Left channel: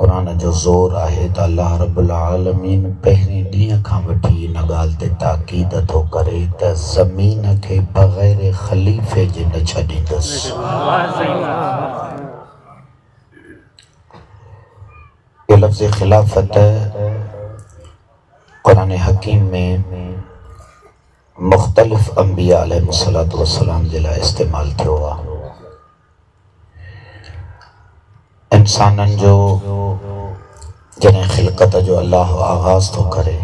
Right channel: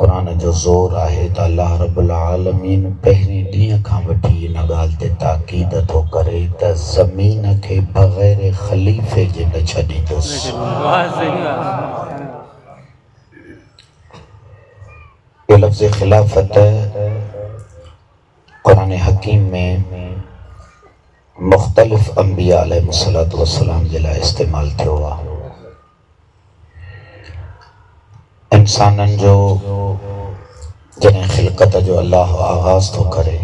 कुरान जो ज़ोर आहे त अल्लाह रब्बुल आलमीन पहिरें ॾींहं खां वठी इन ॻाल्हि ते ताक़ीद थो करे त ज़मीन खे बग़ैर ख़लीफ़े जे न छॾींदुसि। ये लफ्ज़ खिलाफत कुरान हकीम में मुख्तलिफ अंबिया अलैहिस्सलातु वस्सलाम जे लाइ इस्तेमाल थियो आहे। इंसाननि जो जॾहिं ख़िलक़त जो अल्लाह आगाज़ थो करे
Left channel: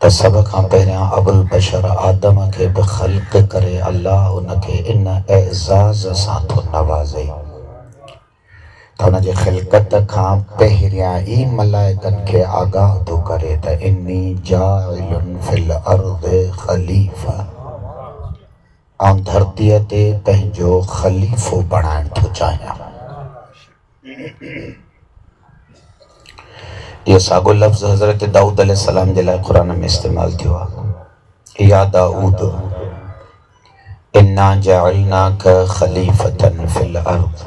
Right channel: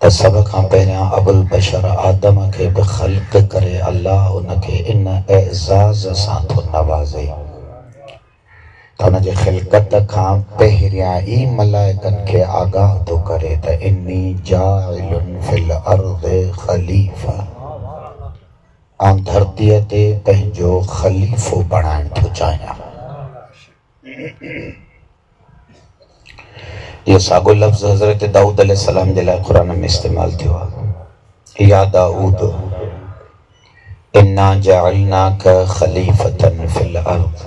त सभ खां पहिरियां अबुल बशर आदम खे बि ख़ल्क़ करे अल्लाह उनखे इन एज़ाज़ सां थो नवाज़े त उनजे ख़िलक़त खां पहिरियां ई मलाइकनि खे आगाह थो करे त इन्नी जाइलुन फिल अर्ज़ि ख़लीफ़ा, ऐं धरतीअ ते पंहिंजो ख़लीफ़ो बणाइण थो चाहियां। ये साॻियो लफ़्ज़ हज़रत दाऊद अलैहिस्सलाम जे लाइ क़ुरान में इस्तेमाल थियो आहे। या दाऊद इन्ना जअलनाका ख़लीफ़तन फिल अर्ज़,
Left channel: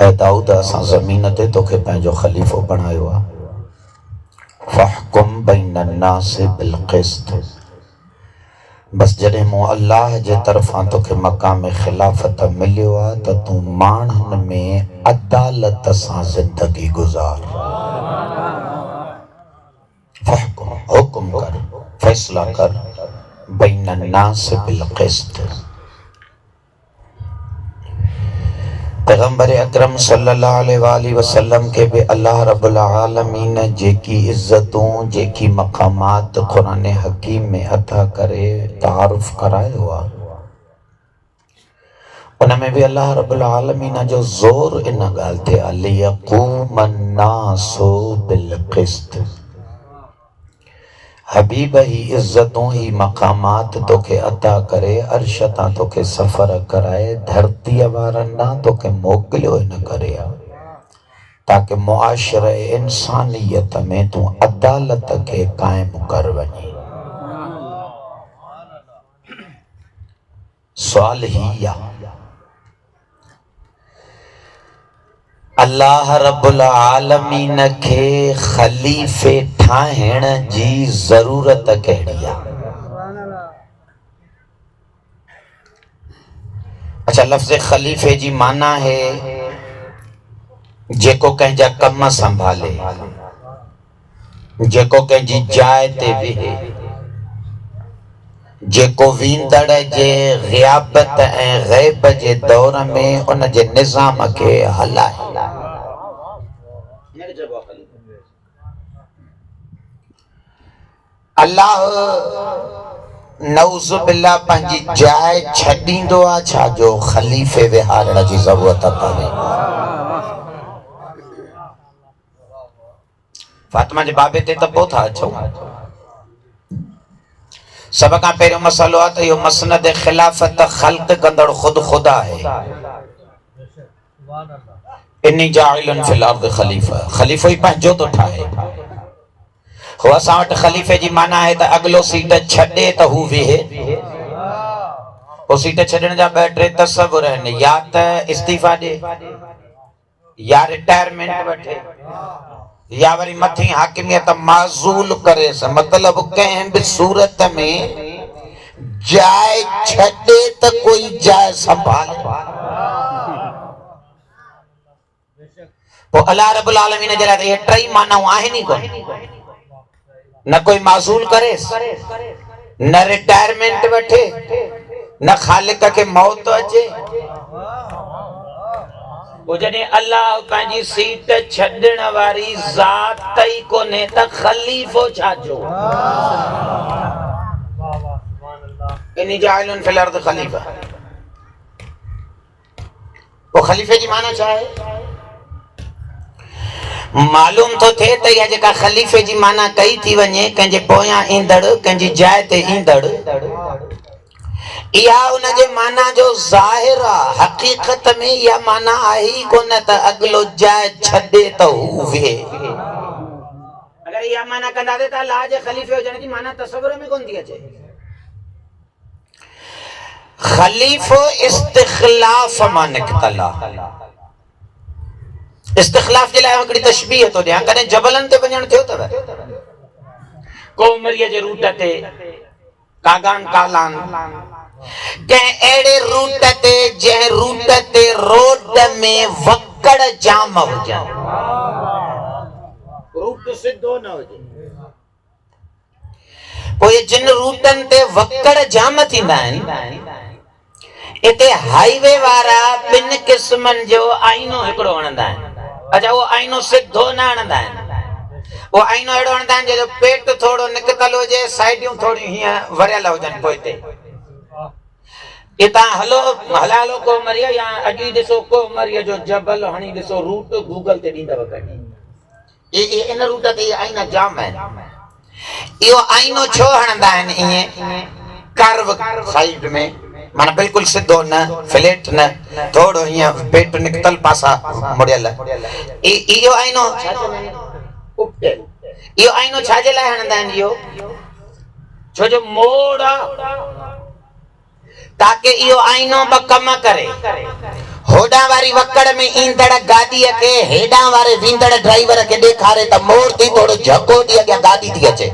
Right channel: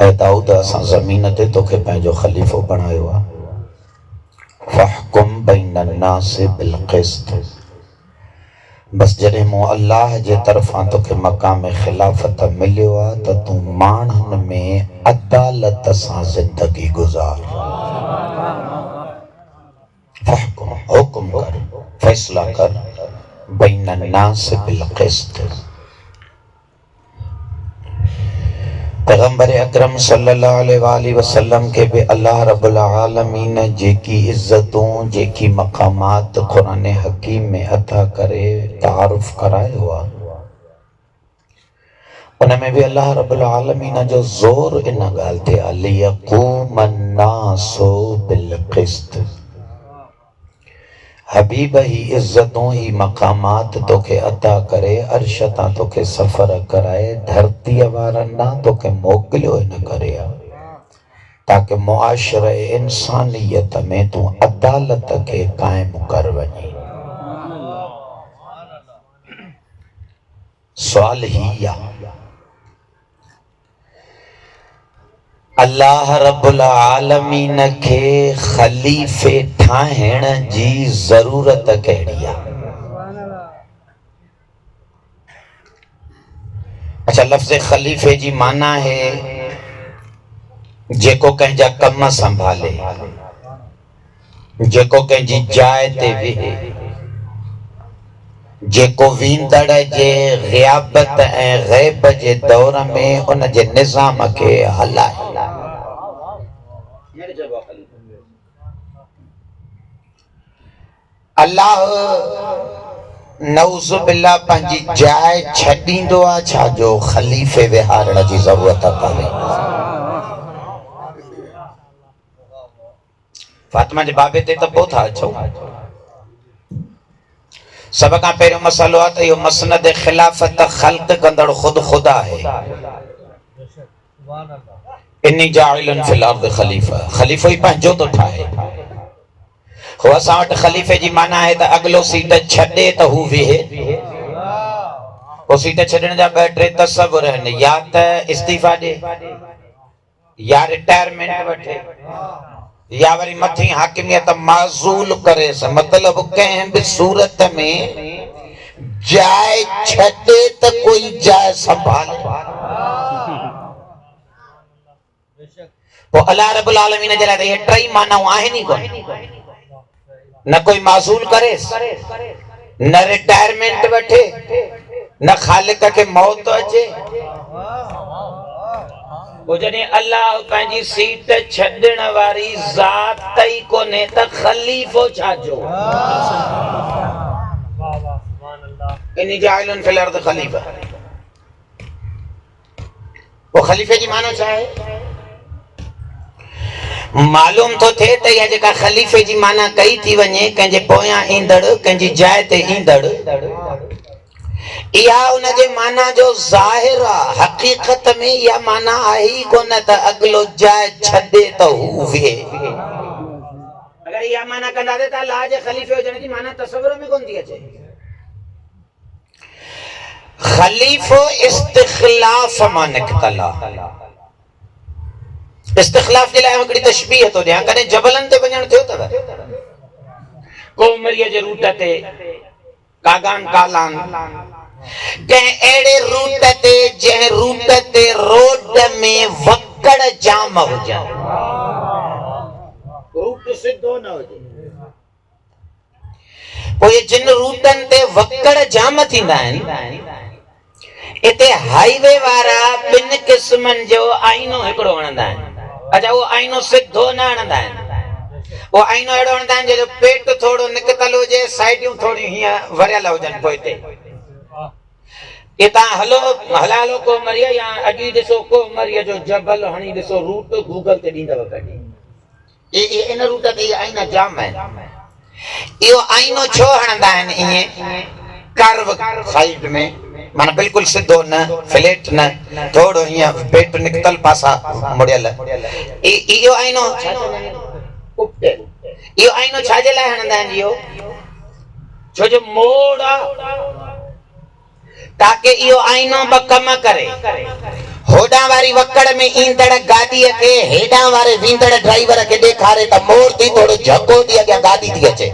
ऐ दाऊद असां ज़मीन ते तोखे पंहिंजो ख़लीफ़ो बणायो आहे। फ़हकुम बैनन नासि बिल क़िस्त, बस जॾहिं मूं अल्लाह जे तरफ़ां तोखे मक़ाम ख़िलाफ़त मिलियो आहे त तूं माण्हुनि में अदालत सां ज़िंदगी गुज़ार। फ़हकुम, हुकुम कर, फ़ैसला कर, बैनन नासि बिल क़िस्त। पैगंबर अकरम सल्लल्लाहु अलैहि वसल्लम के भी अल्लाह रब्बुल आलमीन जेकी इज्जतों जेकी मकामात कुरान हकीम में अता करे तारुफ करायो आहे, उनमें भी अल्लाह रब्बुल आलमीन जो ज़ोर इन ॻाल्हि ते आहे लियक़ूमन नासु बिल क़िस्त। हबीब ही इज्जतों ही मकामात तोखे अता करे, अर्श तां तोखे सफ़र कराए, धरतीअ वारनि ना तोखे मोकिलियो इन करे ताकि मुआशरे इंसानियत में तूं अदालत खे क़ाइम कर वञे। सवाल ही आहे, अल्लाह रब्बुल आलमीन खे ख़लीफ़े ठाहिण जी ज़रूरत कहिड़ी आहे? अच्छा, लफ़्ज़ ख़लीफ़े जी माना है जेको कंहिंजा कम संभाले, जेको कंहिंजी जाइ ते वेहे, जेको वींदड़ जे ग़ियाबत ऐं ग़ैब जे दौर में उन जे निज़ाम खे हलाए। अल्लाह नऊज़ बिल्लाह पंहिंजी जाइ छॾींदो आहे छा जो ख़लीफ़े विहारण जी ज़रूरत पवे? फातिमा जे बाबे ते त पोइ था अचूं। सभ खां पहिरियों मसलो आहे त इहो मसनद ख़िलाफ़त ख़ल्क़ कंदड़ ख़ुदि ख़ुदा आहे। इन्नी जाइलुन फिल अर्ज़ ख़लीफ़ा, ख़लीफ़ो ई पंहिंजो थो ठाहे। हो असां वटि ख़लीफ़े जी माना आहे त अॻिलो सीट छॾे त हू वेहे। हो सीट छॾण जा ॿ टे तसवुर आहिनि, या त इस्तीफ़ा ॾे, या रिटायरमेंट वठे, या वरी मथी हाकिमियत माज़ूल करे। मतलब कंहिं भी सूरत में जाइ छॾे त कोई जाइ संभाले। पोइ अल्लाह रब्बुल आलमीन जे लाइ इहे टई मानाऊं आहिनि ई कोन। न कोई माज़ूल करे, न रिटायरमेंट वठे, न ख़ालिक खे मौत अचे। जॾहिं अल्लाह पंहिंजी सीट छॾण वारी ज़ात ई कोन्हे त ख़लीफ़ो छा जो? इन्नी जाइलुन फिल अर्ज़ ख़लीफ़ा। पोइ ख़लीफ़े जी माना छा आहे? मालूम तो थे त इहा जेका ख़लीफ़े जी माना कई थी वञे, कंहिंजे पोयां ईंदड़, कंहिंजी जाइ ते ईंदड़, इहा उनजे माना जो ज़ाहिर आहे। हक़ीक़त में इहा माना आहे ई कोन त अॻिलो जाइ छॾे त हू वेहे। अगर इहा माना कंदासीं त अल्लाह जे ख़लीफ़े हुजण जी माना तसव्वुर में कोन थी अचे। ख़लीफ़ो इस्तिख़लाफ़ मां निकितल आहे। इस्तिखलाफ के लाइ हिकिड़ी तशबीह थो ॾियां, कॾहिं जबलनि ते वञण थियो अथव? कोमरीअ जे रूट ते कागान कालान कंहिं अहिड़े रूट ते जंहिं रूट ते रोड में वकड़ जाम हुजनि, रूट सिधो न हुजे। पोइ जिन रूटनि ते वकड़ जाम थींदा आहिनि, इते हाईवे वारा ॿिनि क़िस्मनि जो आईनो हिकिड़ो हणंदा आहिनि। अच्छा, वो आईनो सिधो न हणंदा आहिनि, वो आईनो अहिड़ो हणंदा आहिनि जंहिंजो पेट थोरो निकतल हुजे, साइडियूं थोड़ी हीअं वरियल हुजनि पोइते। ये तव्हां हलो कोमरीअ या अॼु ॾिसो कोमरीअ जो जबल हणी ॾिसो, रूट गूगल ते ॾींदव कढी। इन रूट ते आईना जाम आहिनि। इहो आईनो छो हणंदा आहिनि ईअं कर्व साइड में, माना बिल्कुल सिधो न, फ्लैट न, थोड़ो हीअं पेट निकतल पासा मुड़ियल। इहो आईनो इहो आईनो छाजे लाइ हणंदा आहिनि? इहो छो जो मोड़ आहे, ताकि इहो आईनो ॿ कम करे। होॾां वारी वकड़ में ईंदड़ गाॾीअ खे हेॾां वारे वेंदड़ ड्राइवर खे ॾेखारे त मोड़ थी थोड़ो झको थी अॻियां गाॾी थी अचे।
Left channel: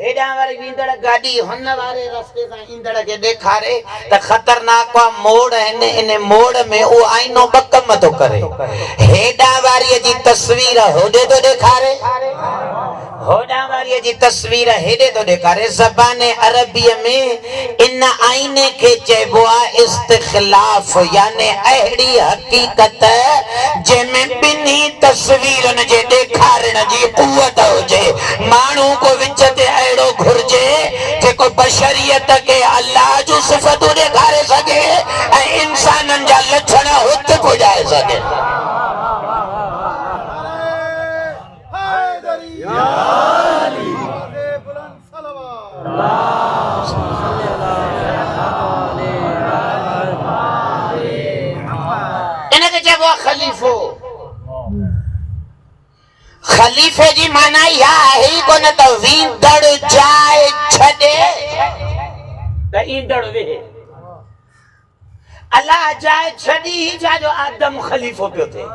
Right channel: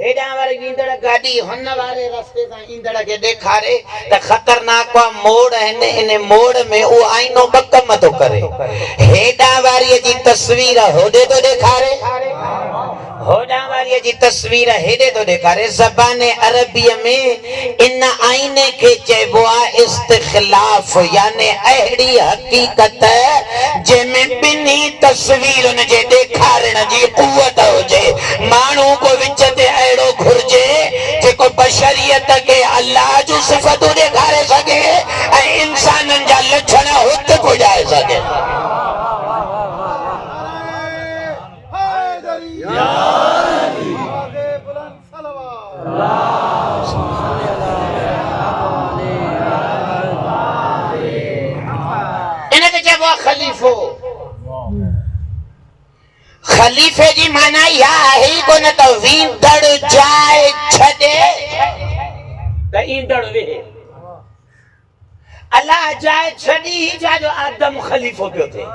हेॾां वारी वेंदड़ गाॾी हुन वारे रस्ते सां ईंदड़ खे ॾेखारे त ख़तरनाक मोड़ आहिनि, इन मोड़ में उहो आईनो ॿ कम थो करे। हेॾां वारीअ जी तस्वीर होॾे थो ॾेखारे, होॾां वारीअ जी तस्वीर हेॾे थो ॾेखारे। ज़बाने अरबीअ में इन आईने खे चइबो आहे इस्तिखलाफ, यानी अहिड़ी हक़ीक़त जंहिंमें ॿिन्ही तस्वीरुनि जे ॾेखारण जी क़ुवत हुजे। माण्हू को विच ते अहिड़ो घुर्जे जेको बशरियत खे अल्लाह जूं सिफ़तूं ॾेखारे सघे ऐं इंसाननि जा लक्षण हुत पुॼाए सघे। इनखे चइबो आहे ख़लीफ़ो। ख़लीफ़े जी माना इहा आहे ई कोन त वींदड़ जाइ छॾे त ईंदड़ वेहे। अल्लाह जाइ छॾी ई छाजो आदम ख़लीफ़ो पियो थिए।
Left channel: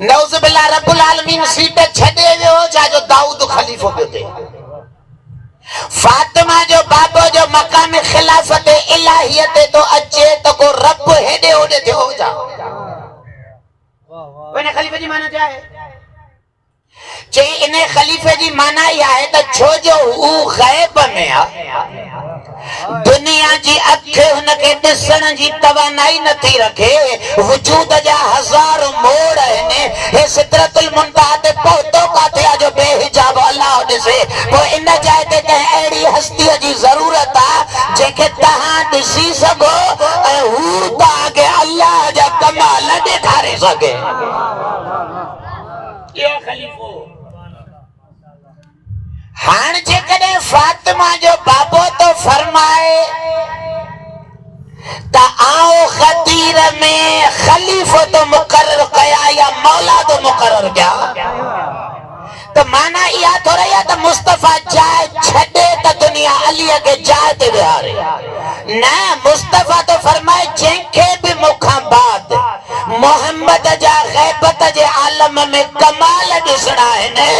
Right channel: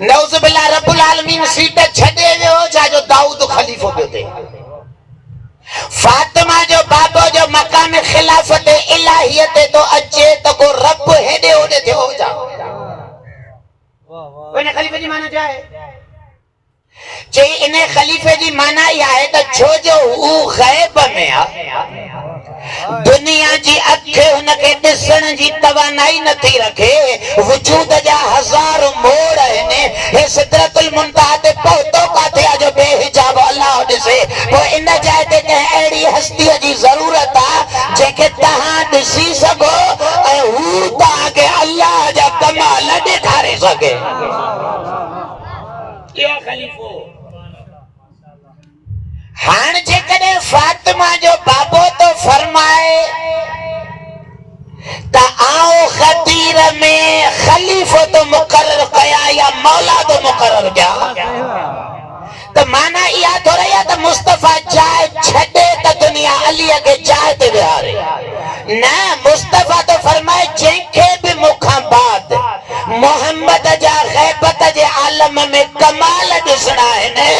नऊज़ बिल्लाह रब्बुल आलमीन सीट छॾे वियो छाजो दाऊद ख़लीफ़ो पियो थिए। फातिमा जो बाबो जो मकाम खिलाफत इलाहियत तो अचे तो को रब हेॾे होॾे थियो हुजा। इन ख़लीफ़े जी माना छा आहे? चई इन ख़लीफ़े जी माना इहा आहे त छो जो हू ग़ैब में आहे, दुनिया जी अखि हुनखे ॾिसण जी तवानाई नथी रखे, वजूद जा हज़ार मोड़ आहिनि। हे सिदरतुल मुंतहा ते पहुतो काथे आहे जो बेहिजाब अल्लाह ॾिसे। पोइ इन जाइ ते कंहिं अहिड़ी हस्तीअ जी ज़रूरत आहे जंहिंखे तव्हां ॾिसी सघो ऐं हू तव्हांखे अल्लाह जा कमाल ॾेखारे सघे। इहो ख़लीफ़ो। हाणे जेकॾहिं फातिमा जो बाबो तो फरमाए त आओ ख़दीर में ख़लीफ़ो तो मुक़र्रर कया या मौला तो मुक़र्रर कया, त माना इहा थोड़ी आहे त मुस्तफ़ा जाइ छॾे त दुनिया अलीअ खे जाइ ते विहारे। न, मुस्तफ़ा तो फरमाए जंहिंखे बि मूंखां बाद मोहम्मद जा ग़ैबत जे आलम में कमाल ॾिसणा आहिनि,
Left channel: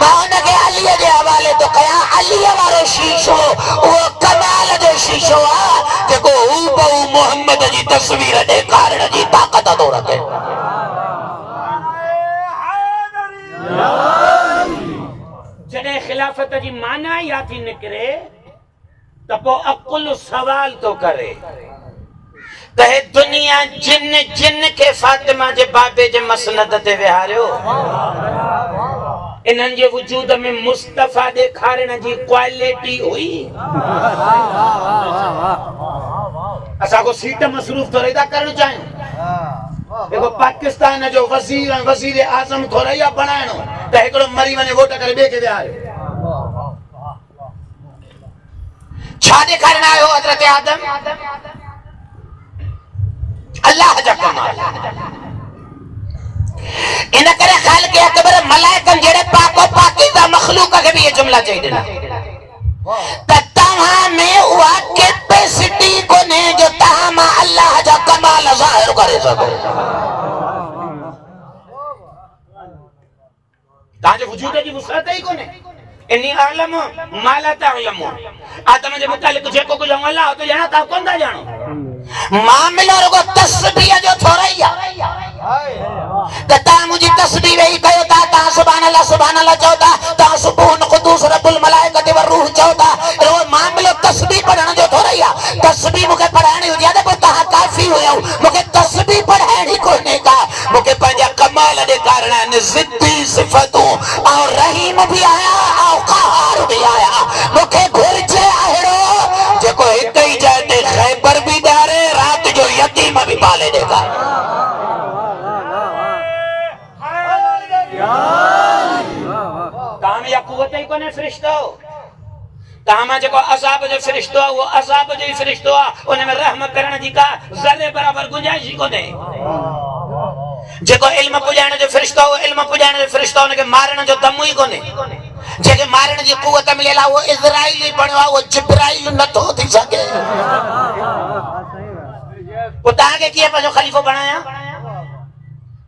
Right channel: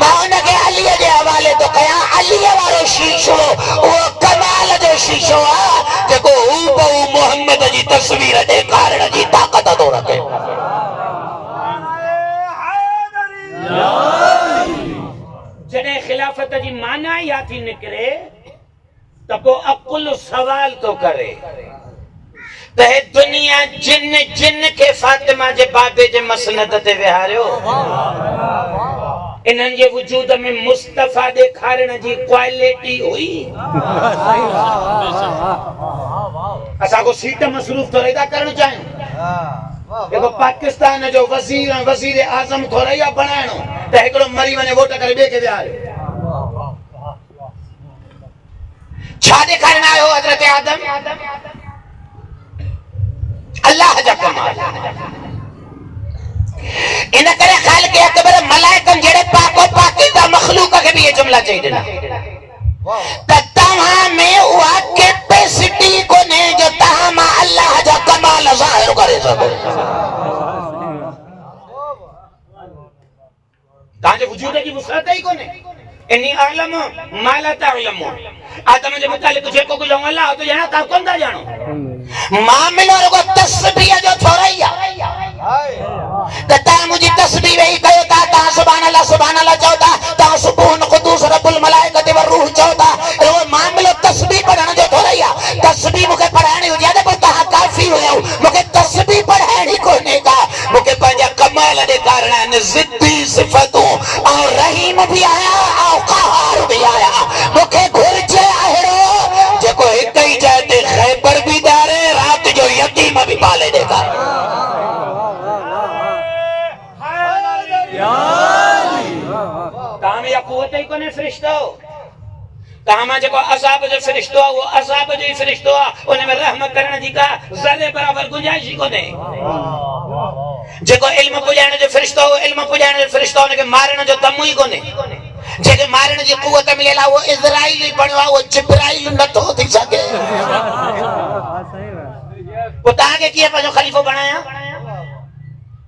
मां हुनखे अलीअ जे हवाले तो कयां। अलीअ वारो शीशो उहो कमाल जो शीशो आहे जेको हूबहू मोहम्मद जी तस्वीर ॾेखारण जी ताक़त थो रखे। जॾहिं खिलाफत जी माना इहा थी निकिरे त पोइ अकुल सवाल तो करे त हे दुनिया जिन खे फातिमा जे बाबे जे मसनद ते विहारियो, इन्हनि जे वजूद में मुस्तफ़ा ॾेखारण जी क्वालिटी हुई। असां को सीट मसरूफ़ थोड़ी था करणु चाहियूं। देखो पाकिस्तान जो वज़ीर आज़म थोड़ी आहे बणाइणो त हिकिड़ो मरी वञे वोट करे ॿिए खे विहारियो। छा ॾेखारण आयो हज़रत आदम? अल्लाह जा कमाल। इन करे ख़ालिक़ अकबर मलाइकनि जहिड़े पाको पाकीज़ा मख़लूक खे भी ये जुमला चई ॾिना त तव्हां में उहा कैपेसिटी कोन्हे जो तव्हां मां अल्लाह जा कमाल ज़ाहिर करे सको ताजे वजूद की वसअत ही कोने इन्नी आलम माला तालम आदम जे मुतालिक जेको कुछ अल्लाह तो जाना ता कोन ता जानो मामलो रुगो तस्बीह जो थोरैया कता मुझी तस्बीह ही कयो ता सुभान अल्लाह चौथा ता सुबून कुदूस रब्बुल मलाइकति व रूह चौथा रो मामलो तस्बीह पढ़ण जो थोरैया तस्बीह मुके पढ़ाणी हो जाने पर ता काफी हो मुके तस्बीह पढ़ाणी कोने का मुके पंजा कमाल दे कारण जिद्दी सिफतों और रहीम भी आया और कहार भी आया मुके घुरजे आहड़ो जेको एक ही जाते खैबर भी दारे रात जो यतीम भी पाले देगा ताम या कुवत ही कोने फरिश्तो तामा जेको अज़ाब जो फरिश्तो वो अज़ाब जो फरिश्तो उनमें रहम करण जी का ज़रे बराबर गुंजाइश ही कोने जेको इल्म पुजाण जो फरिश्तो इल्म पुजाण जो फरिश्तो उनके मारण जो दम ही कोने जेके मारण जी कुवत मिलेला वो इज़राइल ही बणवा वो जिब्राइल न तो थी सके वो ताके किए पंहिंजो खलीफो बनाया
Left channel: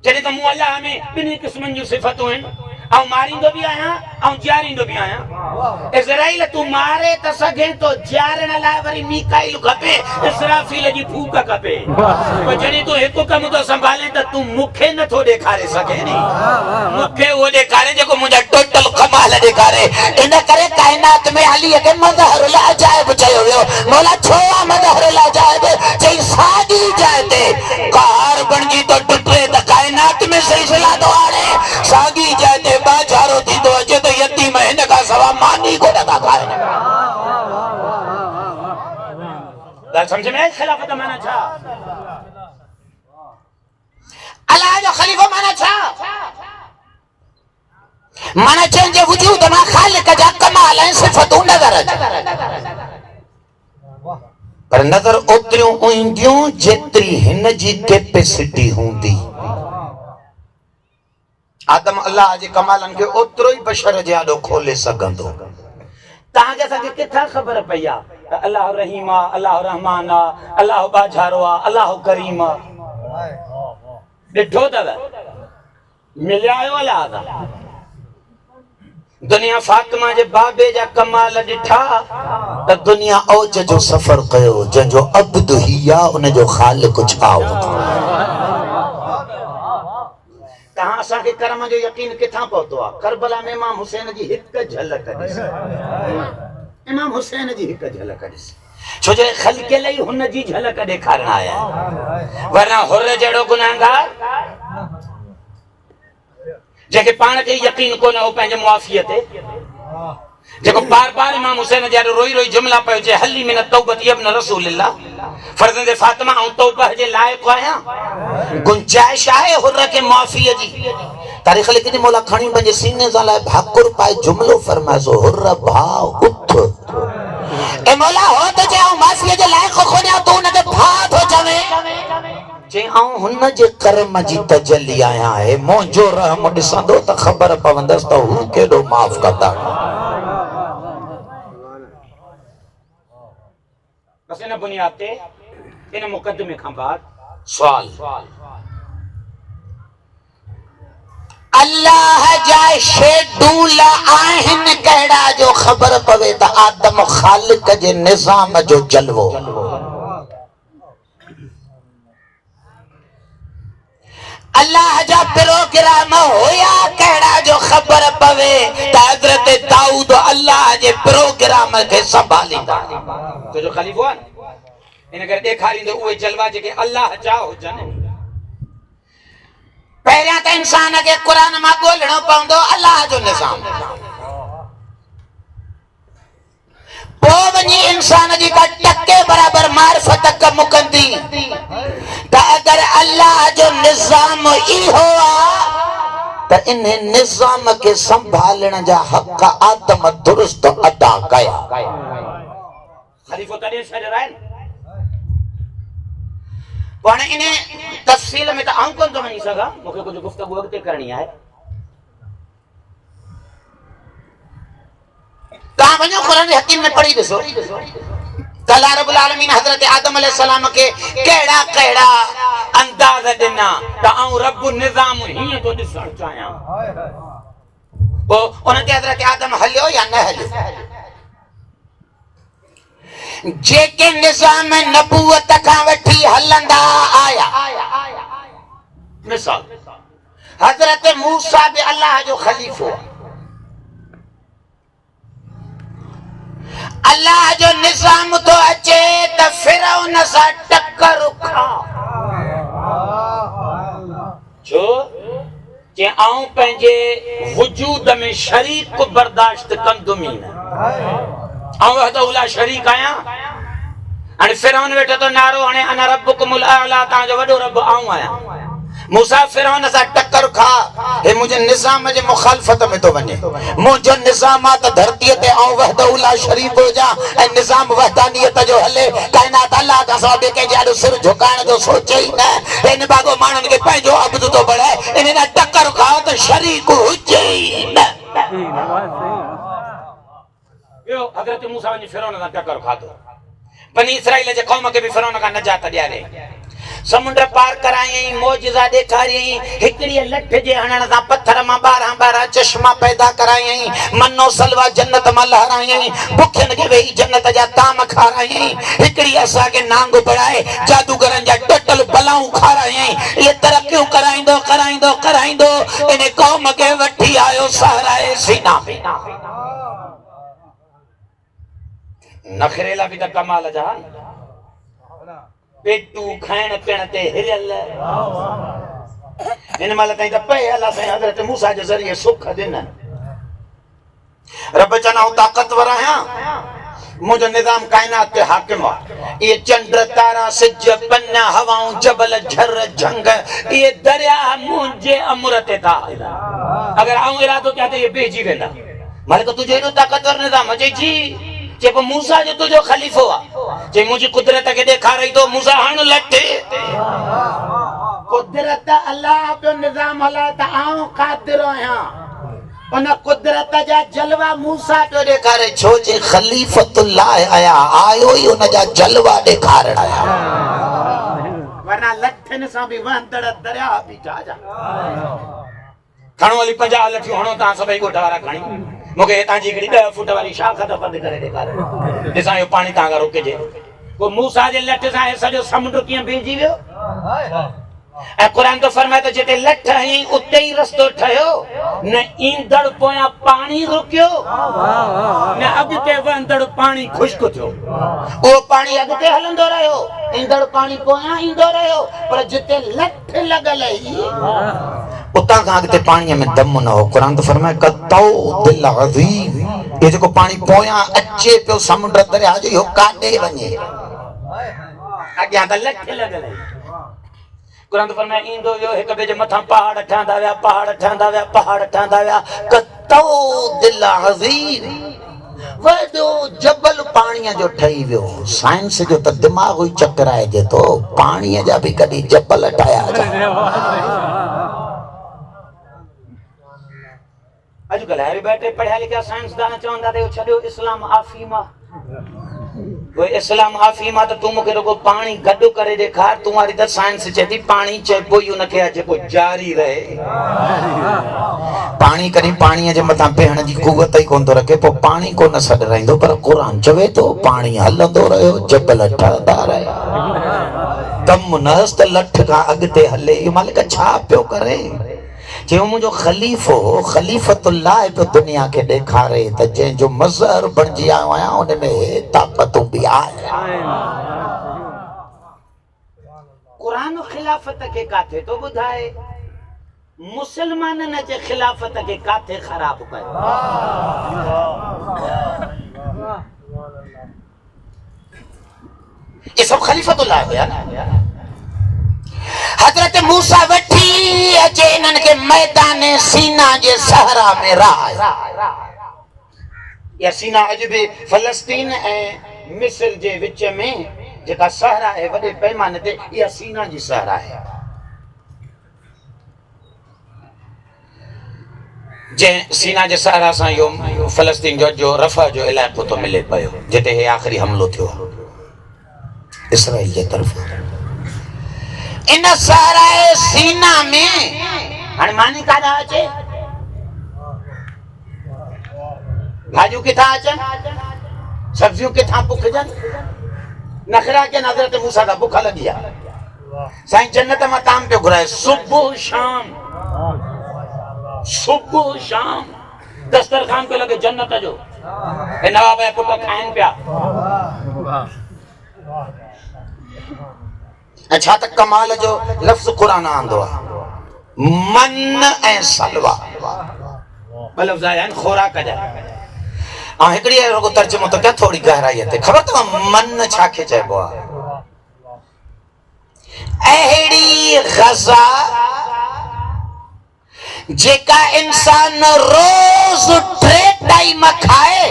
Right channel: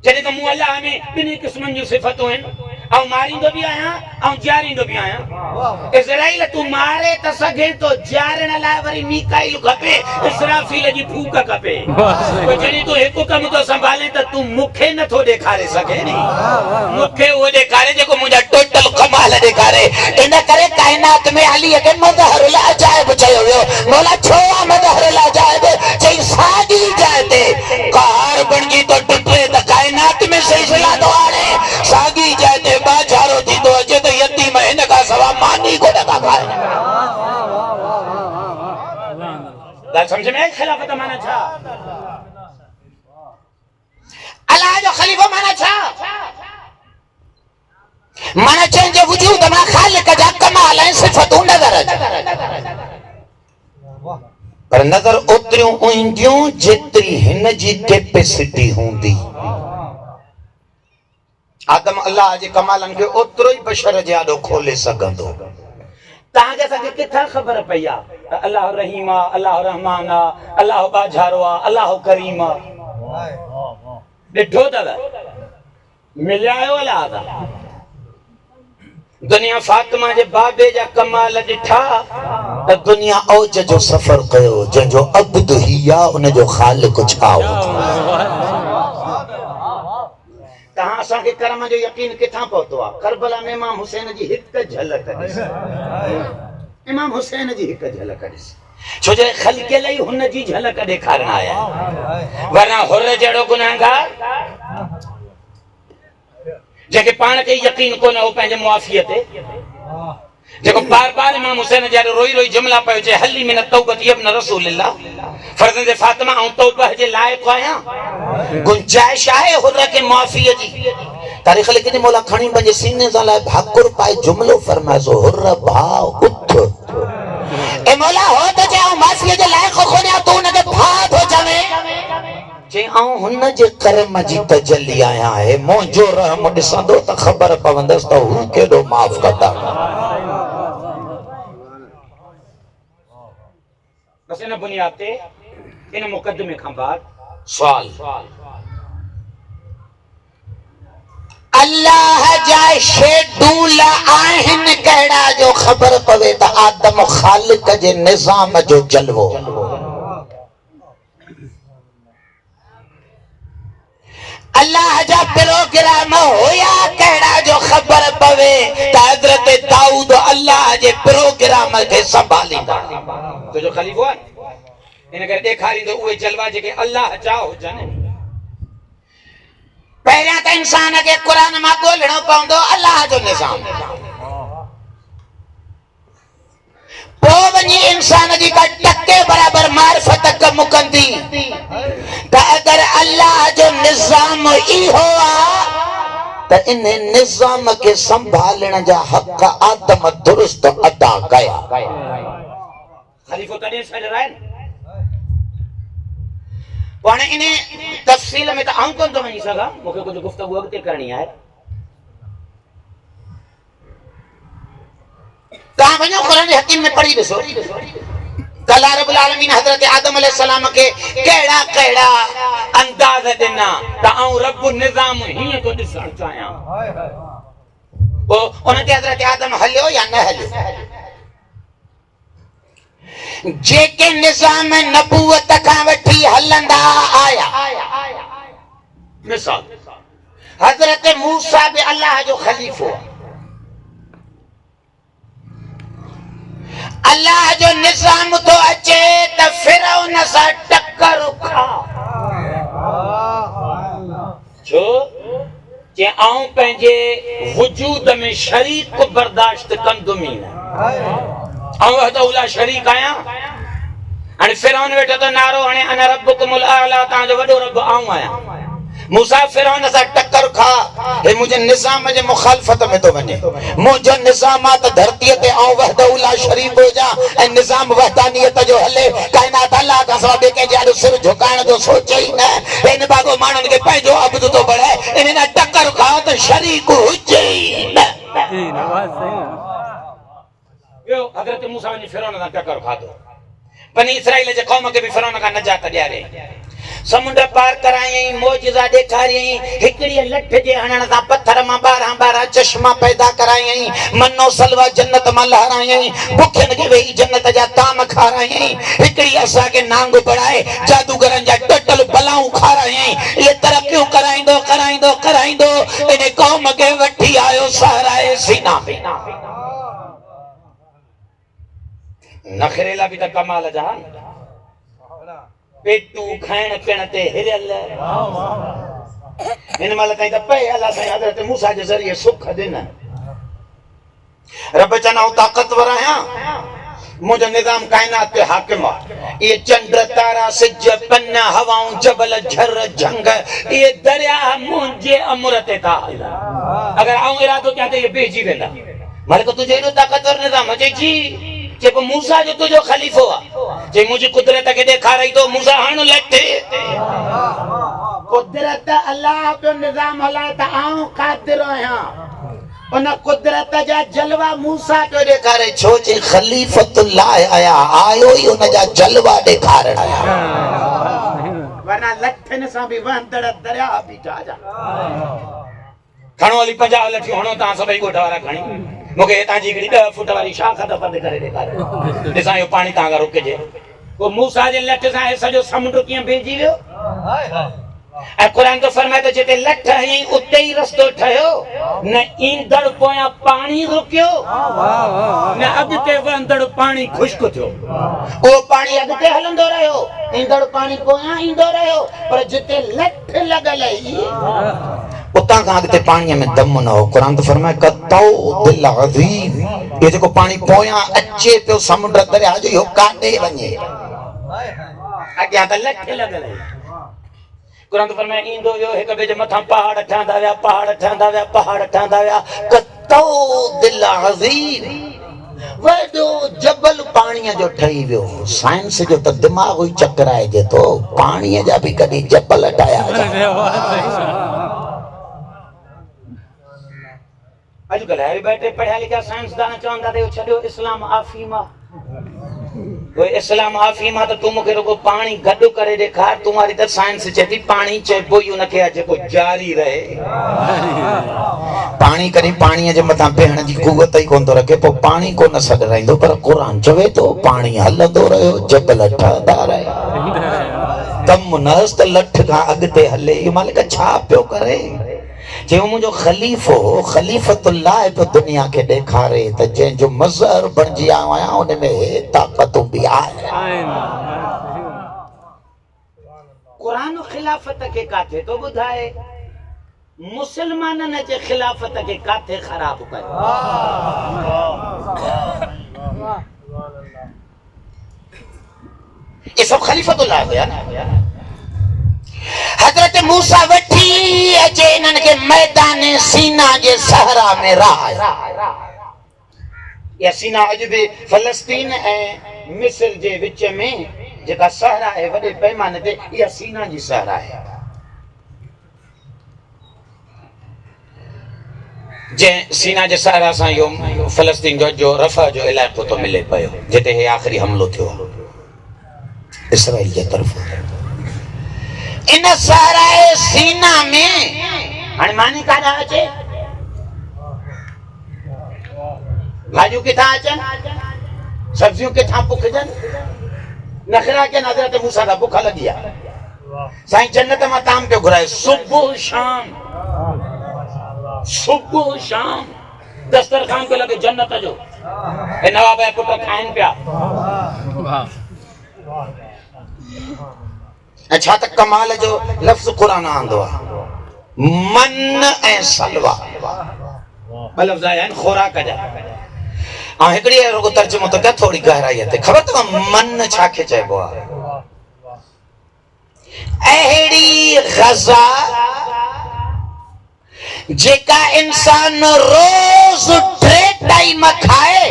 जॾहिं त मूं अल्लाह में ॿिन्ही क़िस्मनि जूं सिफ़तूं आहिनि ऐं मारींदो बि आहियां ऐं ॼारींदो बि आहियां इज़राइल तूं मारे त सघे तो ॼारण लाइ वरी मीकाइल खपे इसराफील जी फूक खपे पर जॾहिं तूं हिकु कमु थो संभाले त तूं मूंखे नथो ॾेखारे सघे नी मूंखे उहो ॾेखारे जेको मुंहिंजा टोटल कमाल ॾेखारे इन करे काइनात में अली के मज़हरुल अजाइब चयो वियो मौला छो मज़हरुल अजाइब चई साॻी जाइ ते कार बणजी तो टुटे त काइनात में सिलसिला तो आणे साॻी जाइ ते बाजारो थींदो अचे त यतीम हिन खां सवा मानी को नथा खाए ॻाल्हि सम्झ में आई ख़िलाफ़त माना छा अल्लाह जो खलीफो माना छा माना चन जे वजूद में खालिक जा कमाल ऐं सिफ़तूं नज़र अचनि पर नज़र ओतिरियूं ईंदियूं जेतिरी हिन जी कैपेसिटी हूंदी आदम अल्लाह जे कमालनि खे ओतिरो ई बशर जे आॾो खोले सघंदो तव्हांखे असांखे किथां ख़बर पई आहे त अल्लाह रहीम आहे अल्लाह रहमान आहे अल्लाह बाज़ारो आहे अल्लाह करीम आहे ॾिठो अथव मिलिया आहियो अलाह था दुनिया फातिमा जे बाबे जा कमाल ॾिठा त दुनिया औज जो सफ़र कयो जंहिंजो अब्द हिया उन जो ख़ालिक छा तहां असांखे कर्म जो यकीन किथां पहुतो आहे करबला में इमाम हुसैन जी हिकु झलक ॾिस इमाम हुसैन जी हिकु झलक ॾिस छो जो ख़ल्क़ियल ई हुन जी झलक ॾेखारण आया वरना हुर जहिड़ो गुनहगार जेके पाण खे यकीन कोन हो पंहिंजे मुआफ़ीअ ते जेको बार बार इमाम हुसैन जहिड़ो रोई रोई जुमला पियो चए हली मिन तौबत इब्न रसूलिल्लाह फर्ज़ंदे फातिमा ऐं तौबह जे लाइक़ आहियां गुंजाइश आहे हुर खे मुआफ़ीअ जी तारीख़ लिखी थी मौला खणी पंहिंजे सीने सां लाइ भाकुर पाए जुमिलो फरमाए सो हुर भाउ उथ ए मौला हो त चए माफ़ीअ जे लाइक़ कोन्हे तूं हुनखे भाउ थो चवे जे आऊं हुन जे कर्म जी तजल्ली आहियां है मुंहिंजो रहम ॾिसंदो त ख़बर पवंदसि त हू केॾो माफ़ कंदा बस इन बुनियाद ते इन मुकदमे खां बाद सवाल अल्लाह जा शेड्यूल आहिनि कहिड़ा जो ख़बर पवे त आदम ख़ालिक जे निज़ाम जो जलवो अल्लाह जा प्रोग्राम होया कहिड़ा जो ख़बर पवे त हज़रत दाऊद अल्लाह जे प्रोग्राम खे संभालींदा तो जो खलीफो आहे इन करे ॾेखारींदो उहे जलवा जेके अल्लाह जा हुजनि पहिरियां त इंसान खे क़ुरान मां ॻोल्हणो पवंदो अल्लाह जो निज़ाम पोइ वञी इंसान जी का टके बराबर मारिफत कमु कंदी त अगरि अल्लाह जो निज़ाम इहो आहे त इन निज़ाम खे संभालण जा हक़ आदम दुरुस्त अदा कया खलीफो तॾहिं छॾिया आहिनि पाण इन तफ़सील में त आऊं कोन थो वञी सघां मूंखे कुझु गुफ़्तगू अॻिते करणी आहे तव्हां वञो क़ुरान हकीम में पढ़ी ॾिसो त अल्लाह रब्बुल आलमीन हज़रत आदम अलैहिस्सलाम के केड़ा केड़ा अंदाज देना त आऊं रब निजाम हीअं तो ॾिसण चाहियां पोइ उनते हज़रत आदम हलियो या न हलियो जेके निजाम नबूवत खां वठी हलंदा आया मिसाल हज़रत मूसा भी अल्लाह जो खलीफो अल्लाह जो निजाम तो अचे त फिरौन सां टक्कर खा छो कि आऊं पंहिंजे वजूद में शरीक बर्दाश्त कंदुमि न आऊं वहदहुला शरीक आहियां हाणे फिरौन वेठो तो नारो हणे अना रब्बुकुमुल आला तव्हांजो वॾो रब आऊं आहियां मूसा फिरौन सां टक्कर खा हे मुंहिंजे निज़ाम जे मुखालफ़त में तो वञे मुंहिंजो निज़ाम आहे त धरतीअ ते आऊं वहदहुला शरीक हुजां ऐं निज़ाम वहदानियत जो हले काइनात अल्लाह खां सवाइ ॿिए कंहिंजे आॾो सिर झुकाइण जो सोचे ई न हिन बाबो माण्हुनि खे पंहिंजो अब्द थो बणाए इन टक्कर खा त शरीक हुजे ई न ॿियो हज़रत मूसा वञी फिरौन सां टक्कर खाधो बनी इसराइल जे क़ौम खे बि फिरौन खां नजात ॾियारे समुंड पार करायई मौजज़ा ॾेखारियई हिकड़ी लठ जे हणण सां पत्थर मां 12 चश्मा पैदा करायई मनो सलवा जन्नत मां लहरायई भुखियन खे वेही जन्नत जा ताम खारायई हिकड़ी असां के नांग बढ़ाए जादूगरन जा टटल बलाऊं खारायई ये तरक्कियूं कराइंदो कराइंदो कराइंदो इन क़ौम खे वठी आयो सहाराए सीना में नखरेला भी त कमाल जा पेटू खाइण पीअण ते हिरियल इन महिल ताईं त पए अलाह साईं हज़रत मूसा जे ज़रिए सुख ॾिननि रब चवनि आऊं ताक़तवर आहियां मुंहिंजो निज़ाम काइनात ते हाकिम आहे ये चंड तारा सिज पन हवाऊं जबल झर झंग ये दरिया मुंहिंजे अमर ते था हलनि अगर आऊं इरादो कयां त ये बेहिजी वेंदा मालिक तुंहिंजो एॾो ताक़तवर निज़ाम अचे जी जेको मूसा जो तुझो खलीफो आहे जे मुंहिंजी कुदरत खे ॾेखारई तो मूसा हण लटे कुदरत अल्लाह जो निज़ाम हलाए त आऊं क़ादिर आहियां उन कुदरत जा जलवा मूसा जो ॾेखारे छो जे खलीफतुल्लाह आया आयो ई उन जा जलवा ॾेखारण आया वरना लठनि सां बि वहंदड़ दरिया बीठा जा खणो हली 50 लठियूं हणो तव्हां सभई ॻोठ वारा खणी मूंखे हितां जी हिकिड़ी 10 फुट वारी शाख त बंदि करे ॾेखारे ॾिसां इहो पाणी तव्हां खां रुकिजे पोइ मूसा जे लठ सां सॼो समुंड कीअं भीजी वियो ऐं क़ुर तो फरमाए तो जिते लठ हई उते ही रस्तो ठहियो न ईंदड़ पोयां पाणी रुकियो न अॻिते वहंदड़ पाणी खुश्क थियो उहो पाणी अॻिते हलंदो रहियो ईंदड़ पाणी पोयां ईंदो रहियो पर जिते लठ लॻल हुई उतां खां अॻिते पाणीअ में दम न हो क़ुर तो फरमाए कतौ दिल अज़ीम ये जेको पाणी पोयां अचे पियो समुंड दरिया जो इहो काॾे वञे अॻियां त लठ लॻल हुई क़ुर तो फरमाए ईंदो वियो हिक ॿिए जे मथां पहाड़ ठहंदा विया पहाड़ ठहंदा विया पहाड़ ठहंदा विया कतौ दिल अज़ीम वॾो जबल पाणीअ जो ठही वियो साइंस जो त दिमाग़ ई चकराइजे थो पाणीअ जा बि कॾहिं जबल ठाहिया अॼुकल्ह हरी बैठे पढ़िया लिखिया साइंसदान चवंदा त छॾियो इस्लाम आफ़ीम आहे इस्लाम आफ़ीम आहे त तूं मूंखे रुगो पाणी गॾु करे ॾेखार तूं वारी त साइंस चए थी पाणी चइबो ई उनखे आहे जेको जारी रहे पाणी कॾहिं पाणीअ जे मथां बीहण जी कुवत ई कोन थो रखे पोइ पाणी कोन सॾराईंदो पर क़ुर चवे थो पाणी हलंदो रहियो जबल ठहंदा रहिया कम नस त लठ खां अॻिते हले इहो मालिक छा पियो करे जो मुझो खलीफो खलीफतुल्लाह पे दुनिया के ॾेखारे त जंहिंजो मज़हर बणिजी आयो आहियां उन में ताक़तूं बि आहे क़ुरान खिलाफत के काथे तो ॿुधाए मुसलमाननि जे खिलाफत के काथे ख़राब कयो ये सब खलीफतुल्लाह हुया ना हजरत मूसा वठी अचे इन्हनि खे मैदान सीना जे सहरा में रहा या सीना अॼु बि फ़लस्तीन ऐं मिस्र जे विच में जेका सहरा आहे वॾे पैमाने ते इहा सीना जी सहरा आहे जंहिं सीना जे सहरा सां इहो फ़लस्तीन जो रफ़ा जो इलाइक़ो थो मिले पियो जिते हे आख़िरी हमिलो थियो इसराइल जे तरफ़ इन सारा सीना में हाणे मानी काॾा अचे भाॼियूं किथां अचनि सब्जियूं किथां पुखजनि नखरा के हज़रत मूसा का बुख लगी है साईं जन्नत में ताम पे घुराए सुबह शाम दस्तरखान पे लगे जन्नत जो ए नवाब है पुट खाइन पिया अच्छा त कमाल जो लफ्ज़ कुरान आंदो आहे मन ऐं सलवा ॿ लफ़्ज़ आया आहिनि खुराक जा ऐं हिकिड़ी रुगो तर्जुमो त क्या थोड़ी गहराई ते ख़बर अथव मन छा खे चइबो आहे अहिड़ी ग़ज़ा जेका इंसान रोज़ 3 टाइम खाए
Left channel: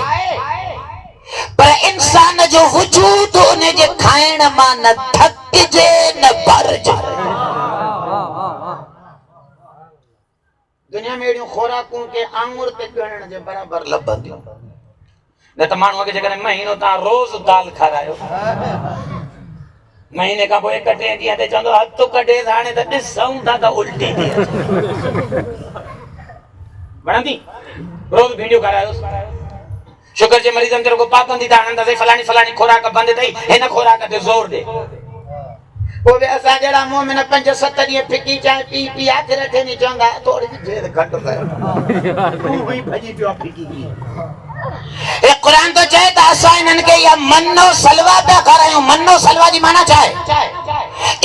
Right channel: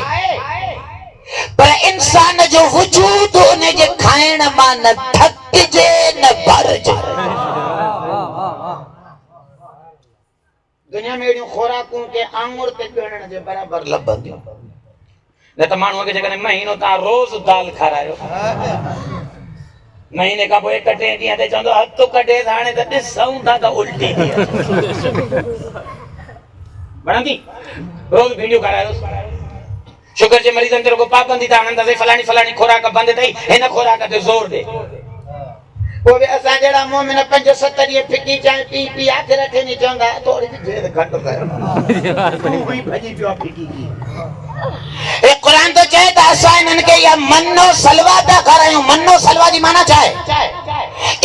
पर इंसान जो वजूद उन जे खाइण मां न थकिजे न भरजे दुनिया में अहिड़ियूं खुराकूं के आंगुर ते ॻणण जे बराबरि लभंदियूं न त माण्हूअ खे जेकॾहिं महीनो तव्हां रोज़ दाल खारायो महीने खां पोइ 1 ॾींहं ते चवंदो हथु कढे हाणे त ॾिसूं था त उल्टी थी वणंदी रोज़ भिंडियूं खारायोसि शुगर जे मरीज़नि ते रुगो पाबंदी था हणंदासीं फलाणी फलाणी खुराक बंदि अथई हिन खुराक ते ज़ोर ॾे पोइ असां जहिड़ा मोमिन 5-7 ॾींहं फिकी चांहि पी आख़िर थे नहीं चवंदा थोड़ी देर घटि कर कोई भजी पियो फिकी की ए कुरान तो चाहे त असां इन्हनि खे या मन्नो सलवा था करायूं मन्नो सलवा जी माना छा आहे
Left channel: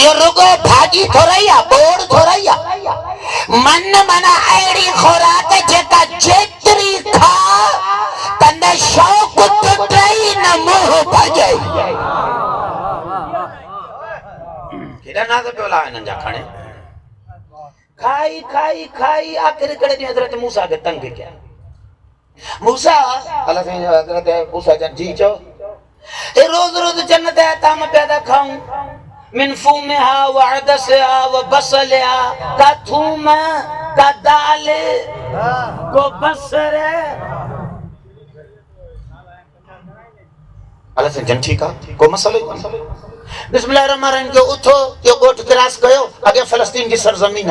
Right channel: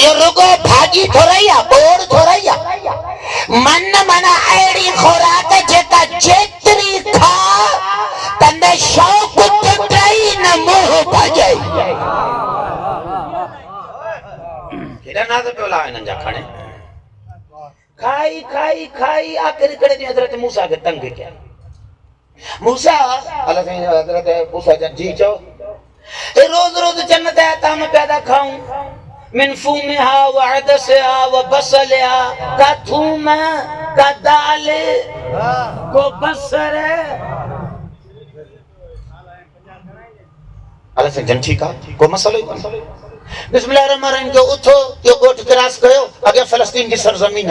ये रुगो भाॼी थोरई आहे बोड़ थोरई आहे मन माना अहिड़ी खुराक जेका जेतिरी खा तंदे शौक़ टुटई न मोह भॼई केॾा नाज़ पियो ला हिननि जा खणे खाई खाई खाई आख़िर हिकिड़े ॾींहुं हज़रत मूसा खे तंग कया मूसा अल्लाह साईं हज़रत मूसा जन जी चओ ए रोज़ रोज़ जन्नत जा ताम पिया था खाऊं मिन फूमिहा व अदसिहा व बसलिहा का थूम का दाल को बसर अल्लाह साईं जन ठीक आहे को मसलो बिस्मिल्लाह रहमान रहीम जो उठो यो गोठ क्रॉस कयो अगे फिलिस्तीन की सरजमीन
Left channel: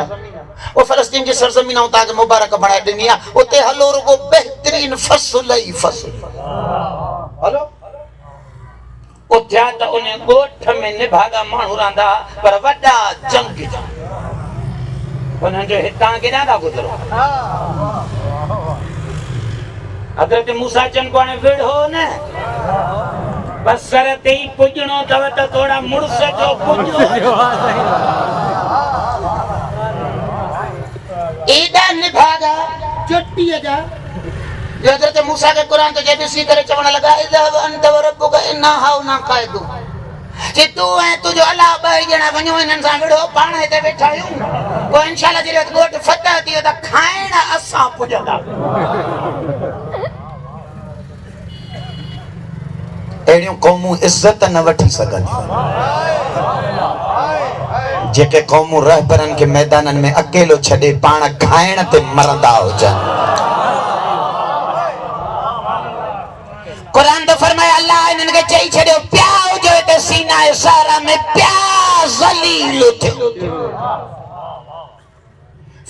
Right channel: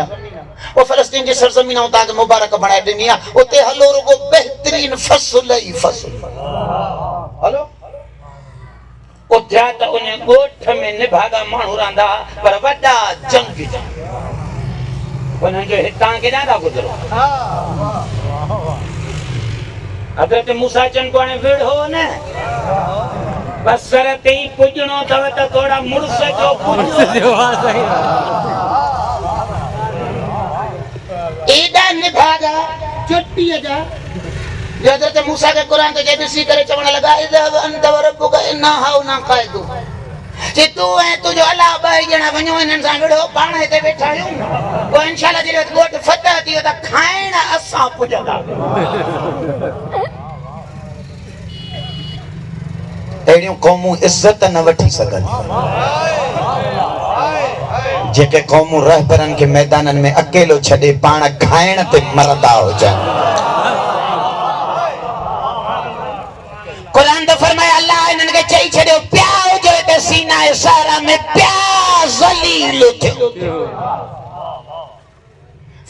वो फिलिस्तीन की सरजमीन उता के मुबारक बनाए ॾिनी आहे उते हलो रुगो बेहतरीन फसल ही फसल हलो उथया त उन गोठ में निभागा माण्हू रहंदा पर वॾा जंग उन्हनि जो हितां केॾां था गुज़रो हज़रत मूसा चन को हाणे विढ़ो न बसर ते ही पुॼणो अथव त थोड़ा मुड़ुस जो पुॼो एॾा निभागा चोटीअ जा हज़रत मूसा खे क़ुरान ते ॾिसी करे चवण लॻा इज़हब अंत व रब्बुक इन्ना हाउना क़ाइदून जे तूं ऐं तुंहिंजो अलाह 2 ॼणा वञो हिननि सां विढ़ो पाण हिते वेठा आहियूं पोइ इंशाअल्लाह जॾहिं ॻोठ फतह थी वियो त खाइण असां पुॼंदा अहिड़ियूं क़ौमूं इज़त न वठी सघनि जेके क़ौमूं रहबरनि खे मैदाननि में अकेलो छॾे पाण खाइण ते मरदा हुजनि कुरान तो फरमाया अल्लाह इन्हनि खे चई छॾियो पिया हुजो हिते सीना सारा में पिया ज़लील थे